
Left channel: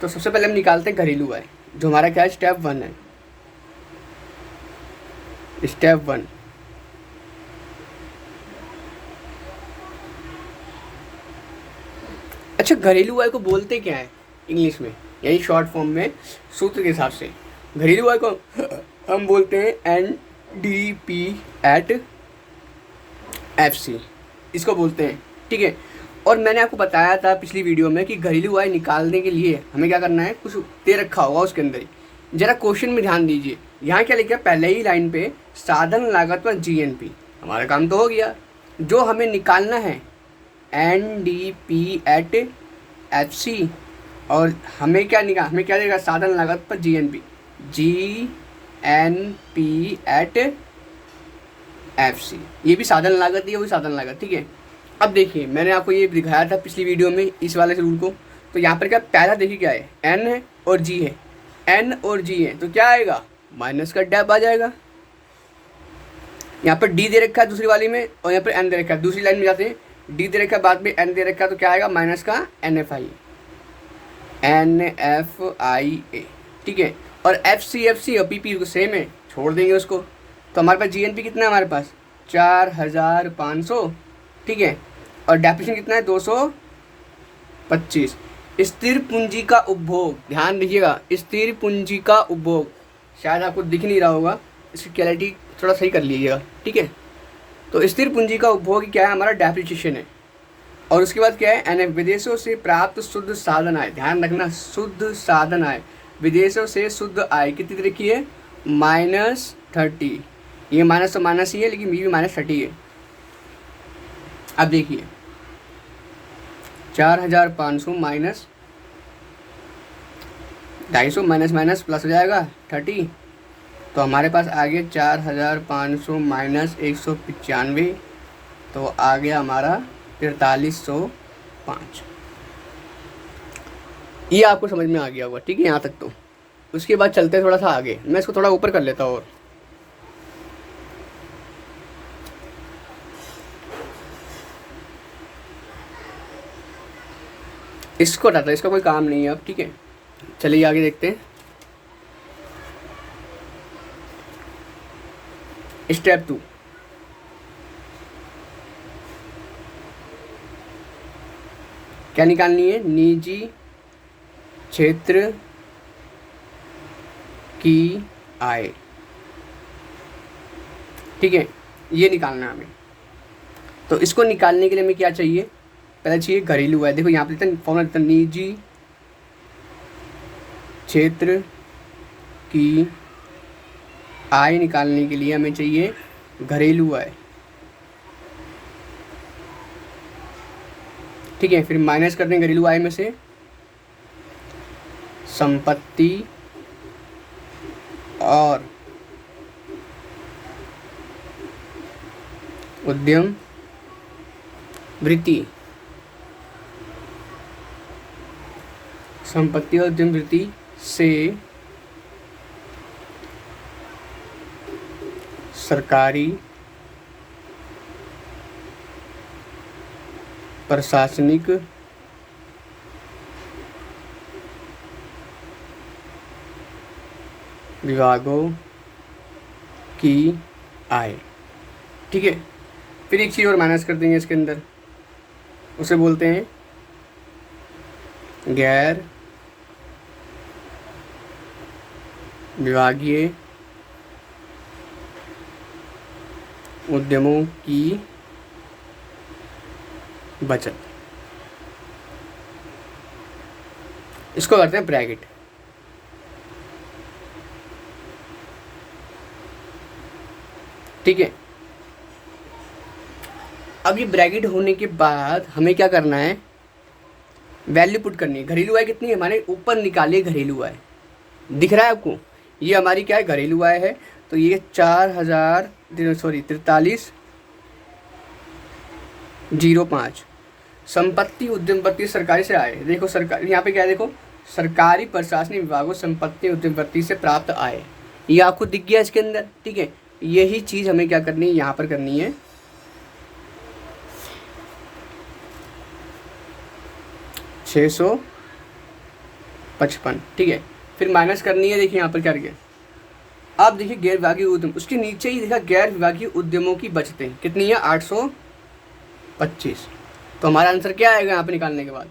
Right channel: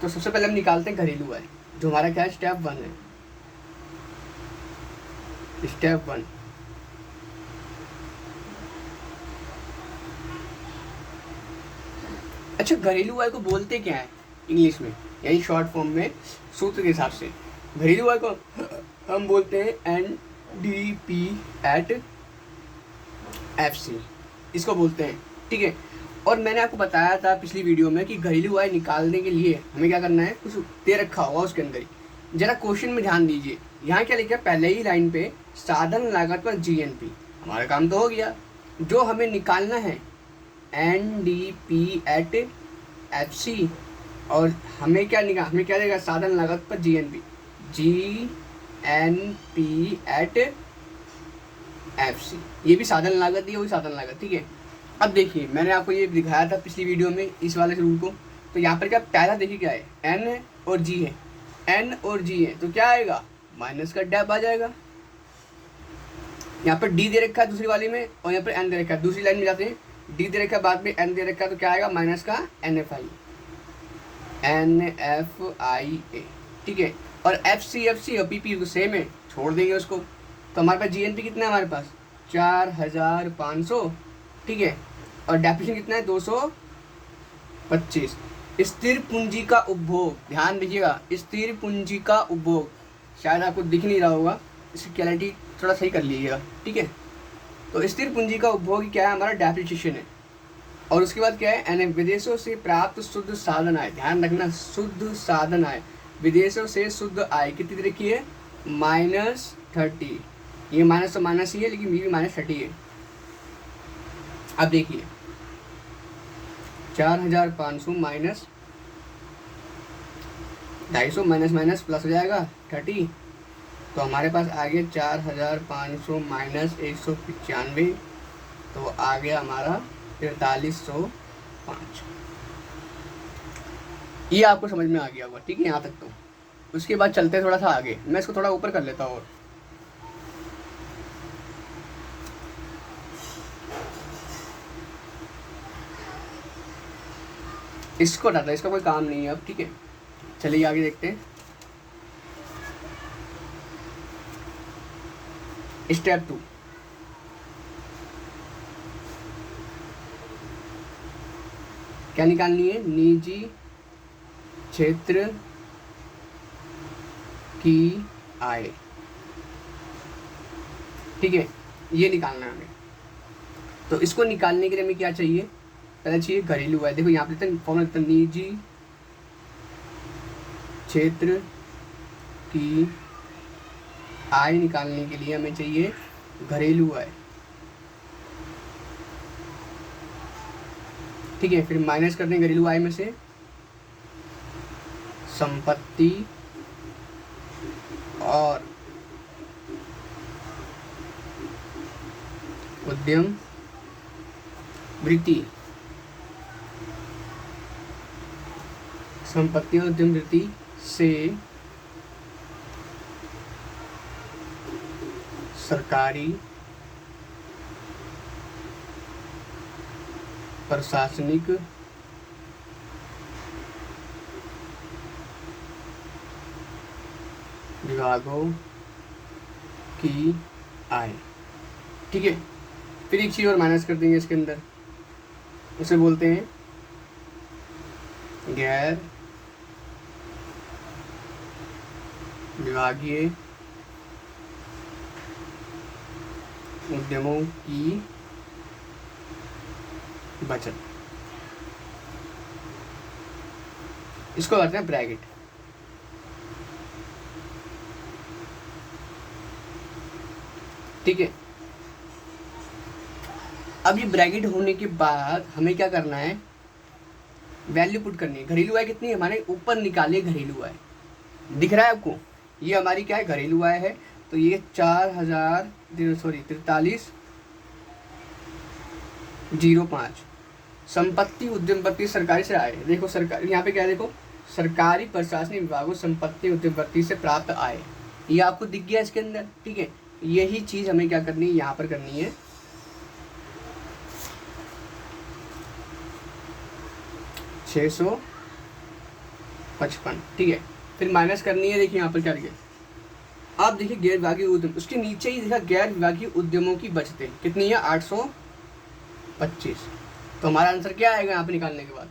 तो सबसे पहले हम निकालते हैं घरेलू आय, जो हमारा क्या है, स्टेप 1 है, स्टेप 1। अच्छा, घरेलू आय को बोलते क्या है इंग्लिश में, यही शॉर्ट फॉर्म में सूत्र के हिसाब से घरेलू आय को हम बोलते हैं NDP एट FC, इसको बोलते हैं, ठीक है। और मैंने आपको बताया था पिछली वीडियो में कि घरेलू आय निकालने के लिए हमें क्या करना है, कुछ दे रखा होगा उसके अंदर ही। जरा क्वेश्चन में ध्यान दीजिए, यहाँ क्या लिखा है, पहले ही लाइन पे साधन लागत पर GNP, हमारा काम तो हो गया। जो हमें निकालना है NDP एट FC, और हमें क्या देगा, साधन लागत पर GNP एट FC, ये भी साधन लागत, ये भी साधन लागत, ठीक है। अब देखिए मैंने आपको ये दिखाया था पिछली वीडियो में इस वाले रूल को। तो यहाँ पर क्या, पहला देखिए क्या है, N है और G है, N और G है, तो क्या आएगा, माइनस का डैप आ जाएगा। यहाँ पर D दे रखा है दूसरी वाली में, और यहाँ पर N दे रखा है, दूसरी लाइन में जाते हैं, D दे रखा है, बाद में N दे रखा है, तो क्या आएगा, माइनस का NFI, ठीक है। और FC और PP को सेम है, छोड़ देंगे उसको। तो हमारे पास GNP कितना है, हमारे पास 4500, ठीक है, और डेप्रिसिएशन कितना है, 225। स्थिर पूंजी का उपभोग, ध्यान दीजिएगा, स्थिर पूंजी का उपभोग, शायद आपको दिख नहीं रहा होगा, इसकी क्लैरिटी थोड़ा सही कर लीजिएगा, ठीक है। तो स्थिर पूंजी का उपभोग क्या है, हमारा डेप्रिसिएशन है। और उसके बाद क्या है, NF, विदेशों से प्राप्त शुद्ध साधन आय, ध्यान रखना, शुद्ध साधन आय, विदेशों से शुद्ध आय कितनी तरह की है, -30। ये माइनस तो माइनस ही है, लेकिन भी -30 है। अब देखिए 4500 माइनस 250, माइनस माइनस प्लस हो जाएगा 30, तो हमारे पास आ गया 4500 माइनस 195, तो आ गया हमारा 4305। ये आपको समझ में आ गया होगा, ठीक है, यहाँ तक। तो उसके बाद चलते हैं थोड़ा सा आगे, मैं इसको थोड़ा ऊपर कर लेता हूँ, और इसको हटाता, इसका कोई काम नहीं है अब, ठीक है। चलिए आगे देखते हैं, स्टेप 2। क्या निकालनी है, निजी क्षेत्र की आय, ठीक है, ये निकालना है हमें। तो इसको निकालने के लिए हमें क्या चाहिए, पहले चाहिए घरेलू आय। देखो यहाँ पे फॉर्मूला देते हैं, निजी क्षेत्र की आय निकालने के लिए हमें चाहिए घरेलू आय, ठीक है। फिर माइनस कर दें घरेलू आय में से संपत्ति और उद्यम वृत्ति, संपत्ति और उद्यम वृत्ति से सरकारी प्रशासनिक विभागों की आय, ठीक है। फिर एक चीज़ और माइनस कर देंगे इसके अंदर, उसे बोलते हैं गैर विभागीय उद्यमों की बचत, इसको करते हैं ब्रैकेट, ठीक है। अब ये ब्रैकेट होने के बाद हमें क्या करना है, वैल्यू पुट करनी है। घरेलू आय कितनी है हमारे, ऊपर निकालिए घरेलू आय, दिख रहा है आपको, ये हमारी क्या है घरेलू आय है। तो ये 4305। संपत्ति उद्यमपति सरकारी से आय, देखो सरकार यहाँ पे क्या है, देखो सरकारी प्रशासनिक विभागों संपत्ति उद्यमपति से प्राप्त आय, ये आपको दिख गया इसके अंदर, ठीक है। यही चीज हमें क्या करनी है, यहाँ पर करनी है 655, ठीक है। फिर माइनस करनी है, देखिए यहाँ पर क्या गया, आप देखिए गैर विभागीय उद्यम, उसके नीचे ही देखा गैर विभागीय उद्यमों की बचतें कितनी है 825। तो हमारा आंसर क्या आएगा यहाँ पे निकालने के बाद,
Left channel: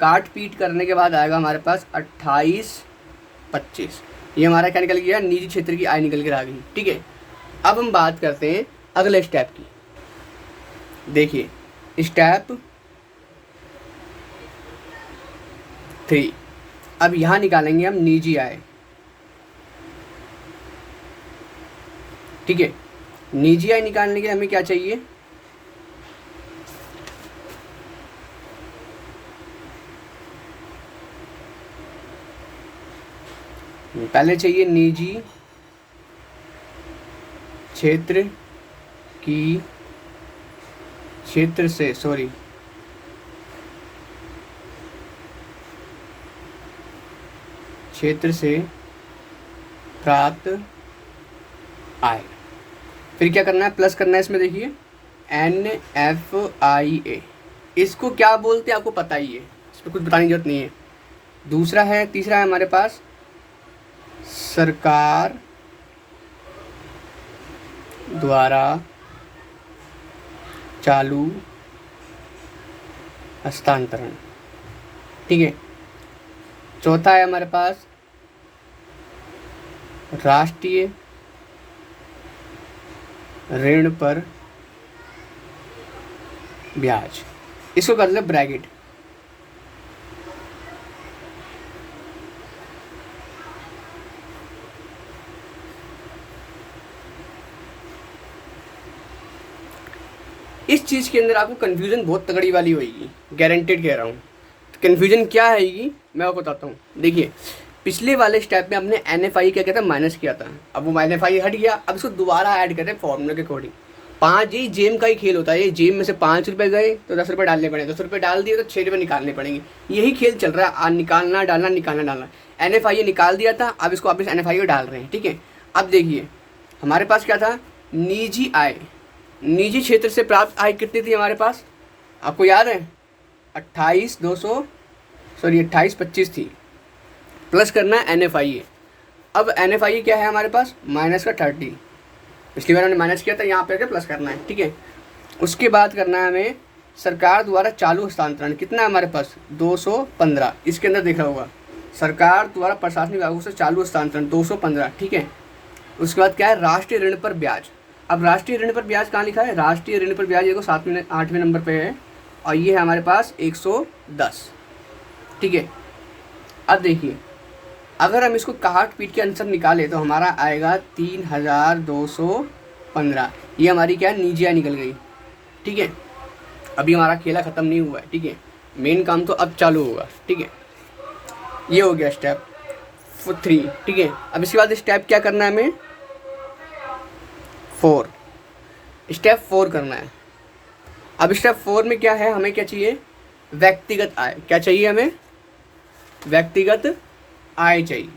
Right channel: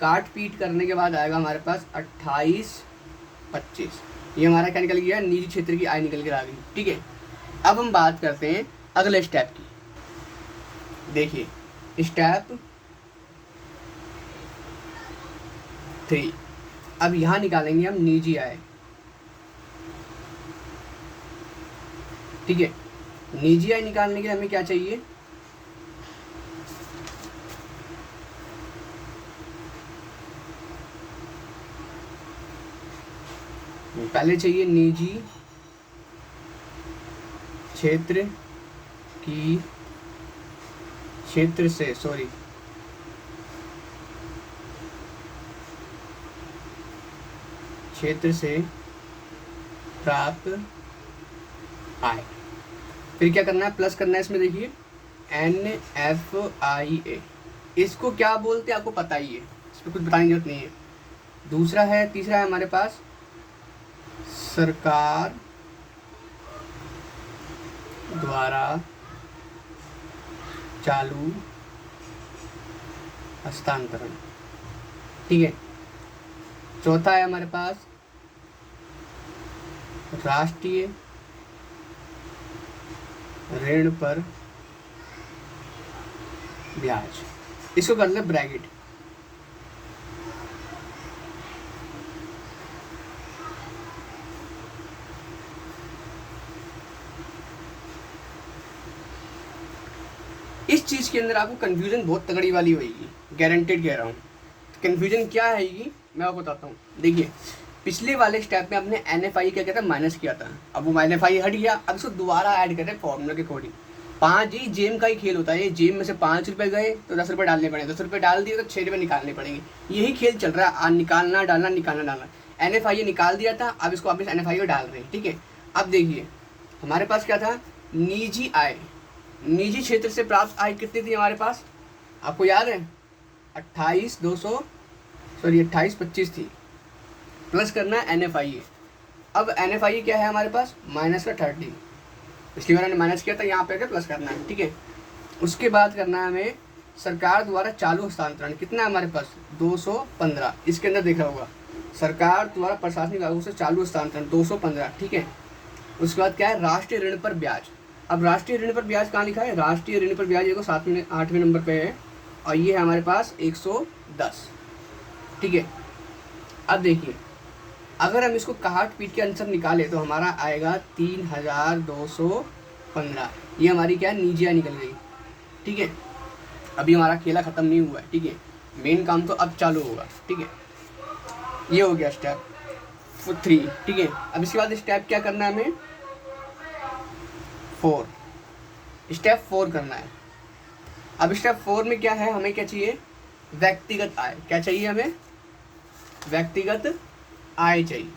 काट पीट करने के बाद आएगा हमारे पास 2825। ये हमारा क्या निकल गया, निजी क्षेत्र की आय निकल कर आ गई, ठीक है। अब हम बात करते हैं अगले स्टेप की। देखिए स्टेप 3, अब यहाँ निकालेंगे हम निजी आय, ठीक है। निजी आय निकालने के लिए हमें क्या चाहिए, पहले चाहिए निजी क्षेत्र की क्षेत्र से प्राप्त आय। फिर क्या करना है, प्लस करना है इसमें, देखिए NFIA, इसको क्या बोलते हैं आपको पता ही है, इसमें कुछ बताने की जरूरत नहीं है। दूसरा है, तीसरा है हमारे पास सरकार द्वारा चालू हस्तांतरण, ठीक है। चौथा है हमारे पास राष्ट्रीय ऋण पर ब्याज, इसको कर ले ब्रैकेट। इस चीज के अंदर आपको कंफ्यूजन बहुत तगड़ी वाली होगी, गारंटेड कह रहा हूँ। कंफ्यूजन क्या आएगी मैं आपको बताता हूँ। देखिए पिछले वाले स्टेप में हमने NFI क्या किया था, माइनस किया था, अब वो NFI हट गया, अब इसको दोबारा ऐड करते हैं फॉर्मूले के अकॉर्डिंग। 5 ही जेम का ही खेल होता है, ये जेम में से 5 रुपए गए तो 10 रुपए डालने पड़ेंगे, 10 रुपए डाल दिए तो 6 रुपए निकालने पड़ेंगे, यही खेल चल रहा है, निकालना डालना निकालना डालना। NFI निकाल दिया था, अब इसको वापस NFI डाल रहे हैं, ठीक है। अब देखिए हमारे पास क्या था, निजी आय, निजी क्षेत्र से प्राप्त आय कितनी थी हमारे पास, आपको याद है 2825 थी, प्लस करना है NFI। अब NFI क्या है हमारे पास, माइनस का 30, पिछली बार हमने माइनस किया था, यहाँ पे प्लस करना है, ठीक है। उसके बाद करना है हमें सरकार द्वारा चालू हस्तांतरण, कितना है हमारे पास 215, इसके अंदर देखा होगा सरकार द्वारा प्रशासनिक विभागों से चालू हस्तांतरण 215, ठीक है। उसके बाद क्या है, राष्ट्रीय ऋण पर ब्याज। अब राष्ट्रीय ऋण पर ब्याज कहाँ लिखा है, राष्ट्रीय ऋण पर ब्याज देखो 8वें नंबर पे है, और ये है हमारे पास 110, ठीक है। अब देखिए अगर हम इसको काट पीट के आंसर निकाले तो हमारा आएगा 3215, ये हमारी क्या है, निजी आय निकल गई, ठीक है। अभी हमारा खेला ख़त्म नहीं हुआ है, ठीक है, मेन काम तो अब चालू होगा, ठीक है। ये हो गया स्टेप 3, ठीक है। अब इसके बाद स्टेप क्या करना है हमें, 4, स्टेप 4 करना है। अब स्टेप 4 में क्या है, हमें क्या चाहिए, व्यक्तिगत आय, क्या चाहिए हमें, व्यक्तिगत आय चाहिए।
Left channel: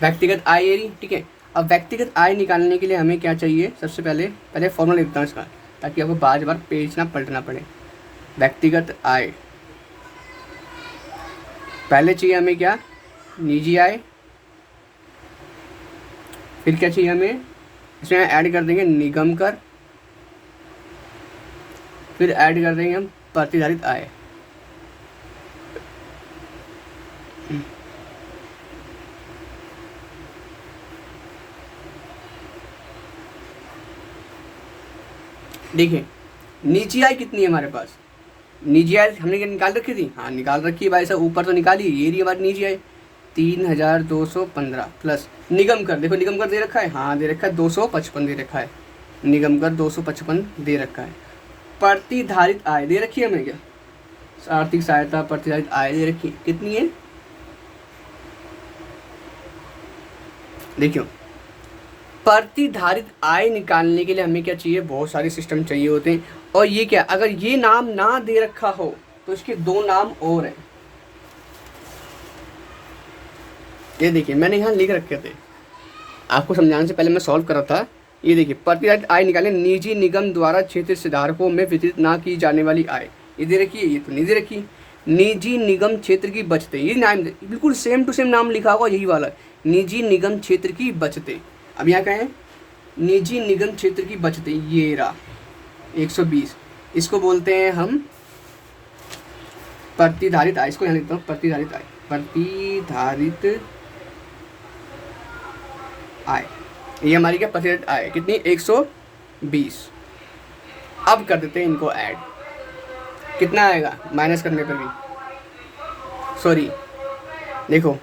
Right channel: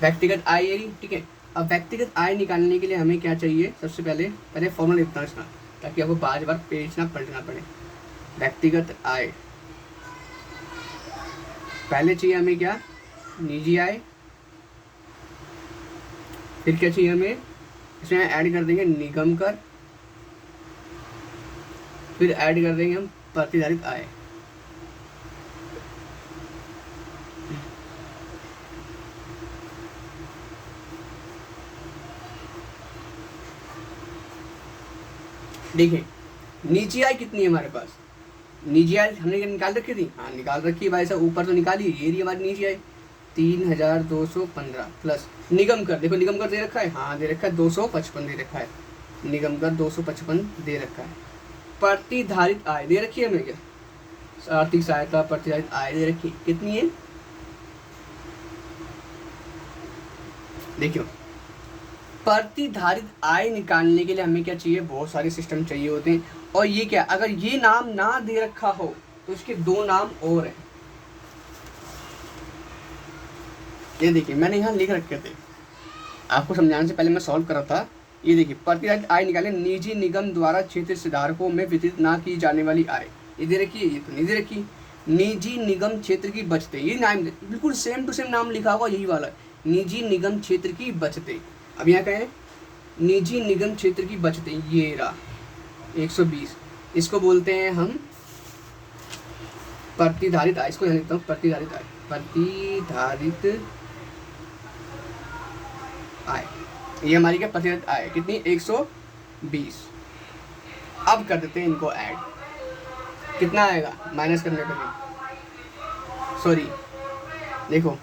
व्यक्तिगत आय ये रही, ठीक है। अब व्यक्तिगत आय निकालने के लिए हमें क्या चाहिए, सबसे पहले फॉर्मूला लिखता हूँ इसका, ताकि आपको बार बार पेज ना पलटना पड़े। व्यक्तिगत आय, पहले चाहिए हमें क्या, निजी आय, फिर क्या चाहिए हमें, इसमें ऐड कर देंगे निगम कर, फिर ऐड कर देंगे हम प्रतिधारित आय। देखिए निजी आय कितनी है हमारे पास, निजी आय हमने क्या निकाल रखी थी, हाँ निकाल रखी है भाई साहब, ऊपर तो निकाली, ये रही हमारी निजी आय 3215 प्लस निगम कर, देखो निगम कर दे रखा है, हाँ दे रखा है 255 दे रखा है, निगम कर 255 दे रखा है। प्रतिधारित आय दे रखी है हमें क्या, आर्थिक सहायता प्रतिधारित आय दे रखी कितनी है, देखियो प्रतिधारित आय निकालने के लिए हमें क्या चाहिए, बहुत सारे सिस्टम चाहिए होते हैं। और ये क्या, अगर ये नाम ना दे रखा हो तो इसके दो नाम और हैं। ये देखिए मैंने यहाँ लिख रखे थे, आपको समझाने से पहले मैं सॉल्व कर रहा था। ये देखिए प्रतिधारित आय निकालें निजी निगम द्वारा क्षेत्र हितधारकों में वितरित ना की जाने वाली आय, ये दे रखी है, ये तो नहीं दे रखी। निजी निगम क्षेत्र की बचतें, ये नाम बिल्कुल सेम टू सेम नाम लिखा होगा यही वाला, निजी निगम क्षेत्र की बचतें। अब यहाँ कहें निजी निगम क्षेत्र की बचतें, ये रहा 120, इसको बोलते हैं हम प्रतिधारित आय। इसको यहाँ लिखता हूँ प्रतिधारित आय, प्रतिधारित आय, ये हमारी क्या प्रतिधारित आय कितनी 120। अब कर देते हैं इनको ऐड, कितना आएगा माइनस करने पर भी, सॉरी देखो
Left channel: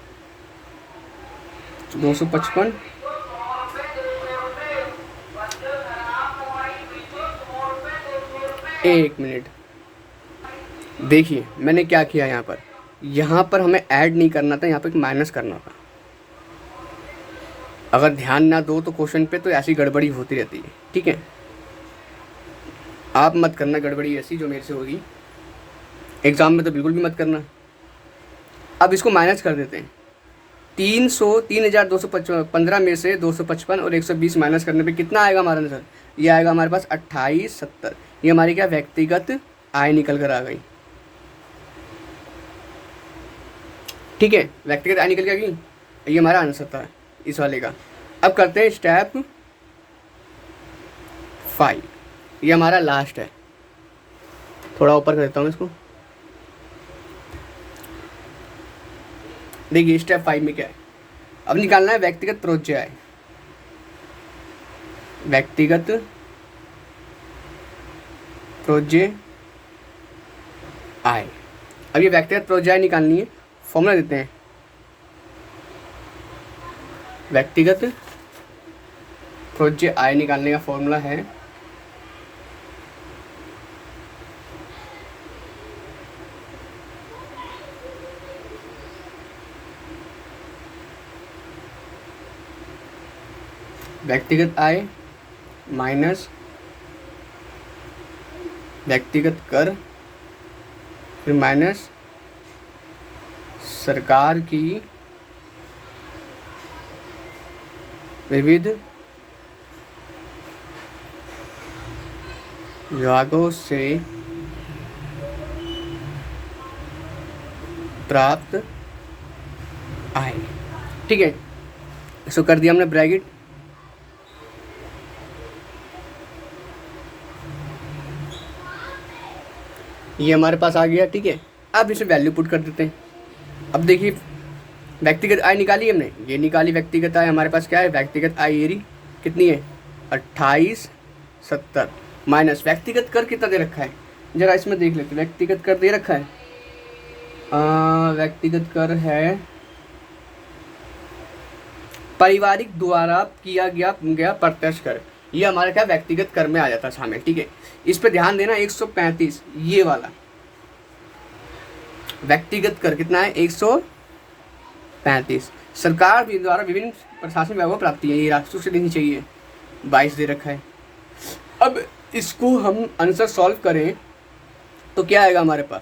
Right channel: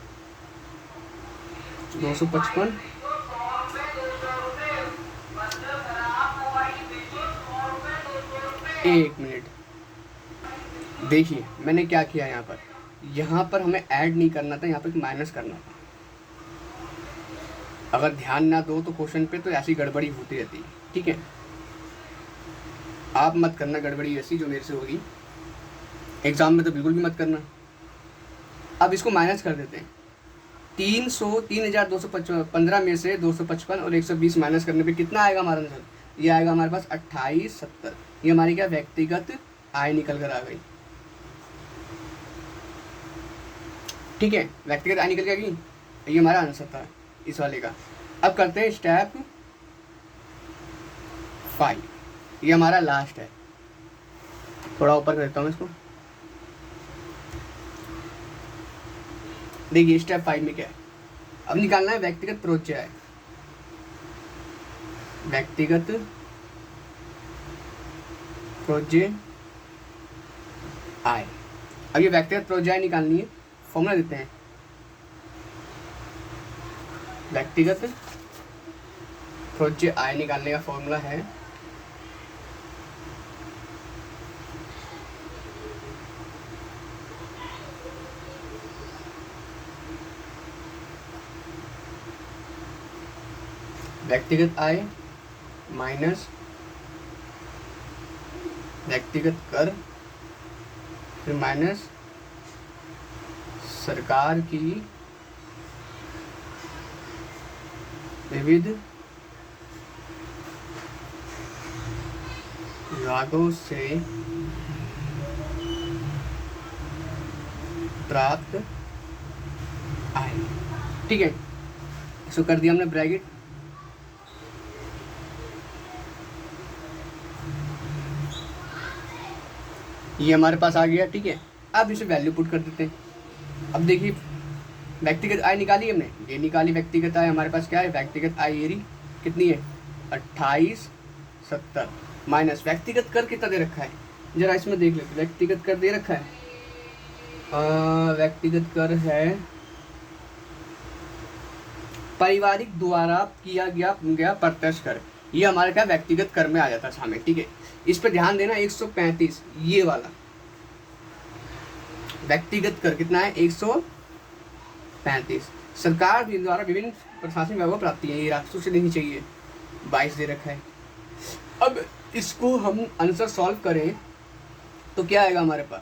255, एक मिनट देखिए मैंने क्या किया यहाँ पर हमें ऐड नहीं करना था, यहाँ पर माइनस करना था। अगर ध्यान ना दो तो क्वेश्चन पे तो ऐसी गड़बड़ी होती रहती है, ठीक है, आप मत करना गड़बड़ी ऐसी जो मेरे से होगी, एग्जाम में तो बिल्कुल भी मत करना। अब इसको माइनस कर देते हैं, 3215 में से 255 और 120 माइनस करने पे कितना आएगा हमारा आंसर, ये आएगा हमारे पास 2870। ये हमारी क्या व्यक्तिगत आय निकल कर आ गई, ठीक है, व्यक्तिगत आय निकल के आ गई, ये हमारा आंसर था इस वाले का। अब करते हैं स्टेप 5, ये हमारा लास्ट है, थोड़ा ऊपर कर देता हूँ इसको। देखिए स्टेप 5 में क्या है, अब निकालना है व्यक्तिगत प्रोज्य आय, व्यक्तिगत प्रोज्य आय। अब ये व्यक्तिगत प्रोज्य आय निकालनी है, फॉर्मूला देते हैं, व्यक्तिगत प्रोज्य आय निकालने का फॉर्मूला है व्यक्तिगत आय माइनस व्यक्तिगत कर, फिर माइनस सरकार की विविध विभागों से प्राप्त आय, ठीक है। इसको कर दिया हमने ब्रैकेट, ये हमारे पास आ गया, ठीक है। अब इसे वैल्यू पुट कर देते हैं। अब देखिए व्यक्तिगत आय निकाली हमने, ये निकाली व्यक्तिगत आय, हमारे पास क्या है व्यक्तिगत आय एरी कितनी है 2870 माइनस व्यक्तिगत कर कितना दे रखा है, जरा इसमें देख लेते हैं। व्यक्तिगत कर दे रखा है, व्यक्तिगत कर है पारिवारिक द्वारा किया गया प्रत्यक्ष कर, ये हमारे क्या व्यक्तिगत कर में आ जाता है शामिल, ठीक है। इस पे ध्यान देना 135 ये वाला व्यक्तिगत कर कितना है 135, सरकार द्वारा विभिन्न प्रशासनिक विभागों को प्राप्ति है, ये राजस्व से देनी चाहिए 22 दे रखा है। अब इसको हम आंसर सॉल्व करें तो क्या आएगा हमारे पास,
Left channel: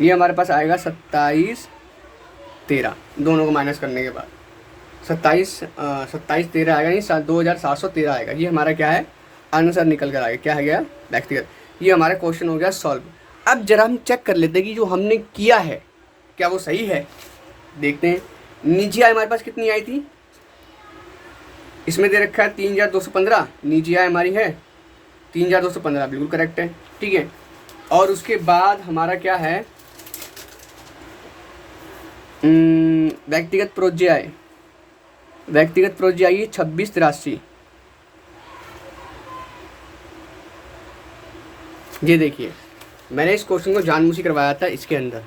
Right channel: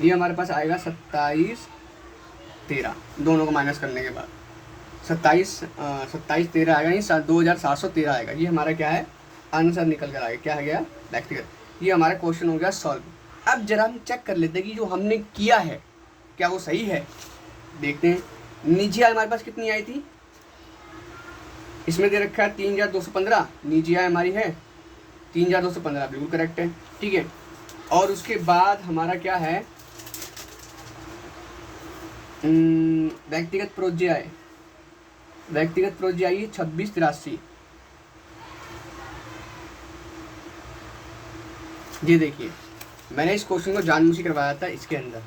ये हमारे पास आएगा 27 13 दोनों को माइनस करने के बाद 27 13 आएगा, नहीं 2713 आएगा। ये हमारा क्या है आंसर निकल कर आएगा, क्या है गया व्यक्तिगत। ये हमारा क्वेश्चन हो गया सॉल्व। अब जरा हम चेक कर लेते हैं कि जो हमने किया है क्या वो सही है, देखते हैं। निजी आय हमारे पास कितनी आई थी, इसमें दे रखा है 3215, निजी आय हमारी है 3215 बिल्कुल करेक्ट है, ठीक है। और उसके बाद हमारा क्या है व्यक्तिगत प्रोज्य आय, व्यक्तिगत प्रोज्य आय 2683। ये देखिए मैंने इस क्वेश्चन को जानबूझ के करवाया था, इसके अंदर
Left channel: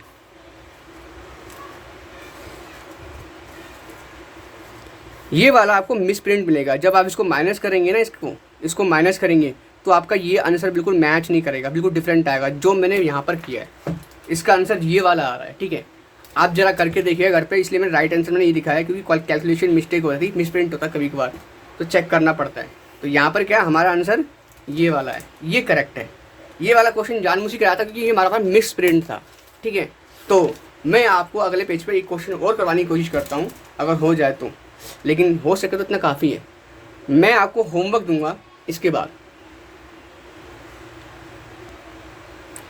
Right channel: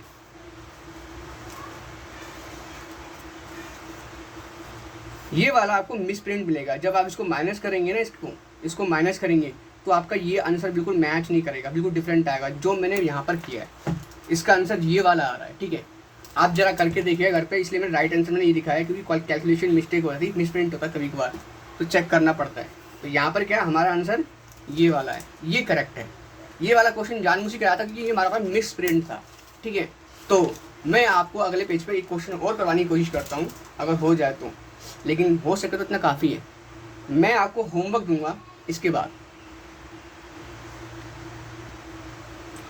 ये वाला आपको मिस प्रिंट मिलेगा। जब आप इसको माइनस करेंगे ना, इसको इसको माइनस करेंगे तो आपका ये आंसर बिल्कुल मैच नहीं करेगा, बिल्कुल डिफरेंट आएगा जो मैंने यहाँ पर किया है। इसका आंसर ये वाला आ रहा है, ठीक है। आप जरा करके देखिए घर पे, इसलिए मैंने राइट आंसर मैंने ये दिखाया क्योंकि कैलकुलेशन मिस्टेक हो रही थी, मिसप्रिंट होता है कभी कभार, तो चेक करना पड़ता है। तो यहाँ पर क्या हमारा आंसर ये वाला है, ये करेक्ट है। ये वाला क्वेश्चन जानबूझ के आया था क्योंकि ये हमारा पास मिस प्रिंट था, ठीक है। तो मैं आपको अगले पेज पर एक क्वेश्चन और करवाने की कोशिश करता हूँ अगर हो जाए तो, लेकिन हो सके तो इतना काफ़ी है। मैं आपको होमवर्क दूंगा इसके बाद।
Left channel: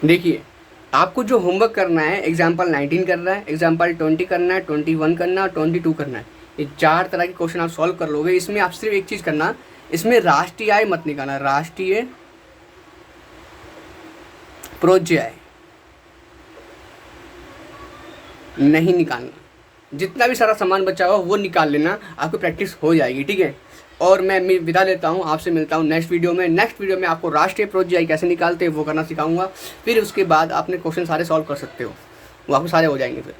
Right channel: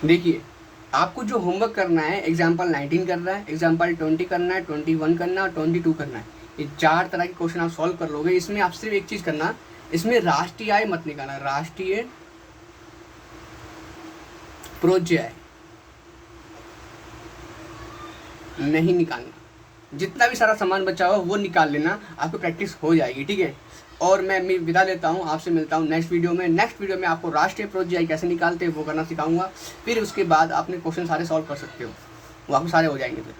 देखिए आपको जो होमवर्क करना है, एग्जाम्पल 19 करना है, एग्जाम्पल 20 करना है, 21 करना है और 22 करना है। ये 4 तरह के क्वेश्चन आप सॉल्व कर लोगे। इसमें आप सिर्फ एक चीज़ करना, इसमें राष्ट्रीय आय मत निकालना, राष्ट्रीय प्रोज्य आय नहीं निकालना। जितना भी सारा सामान बचा हुआ वो निकाल लेना, आपकी प्रैक्टिस हो जाएगी, ठीक है। और मैं विदा लेता हूँ, आपसे मिलता हूँ नेक्स्ट वीडियो में। नेक्स्ट वीडियो में आपको राष्ट्रीय प्रोज्य आय कैसे निकालते हैं वो करना सिखाऊंगा। फिर उसके बाद आपने क्वेश्चन सारे सॉल्व कर सकते हो, वो आपको सारे हो जाएंगे फिर।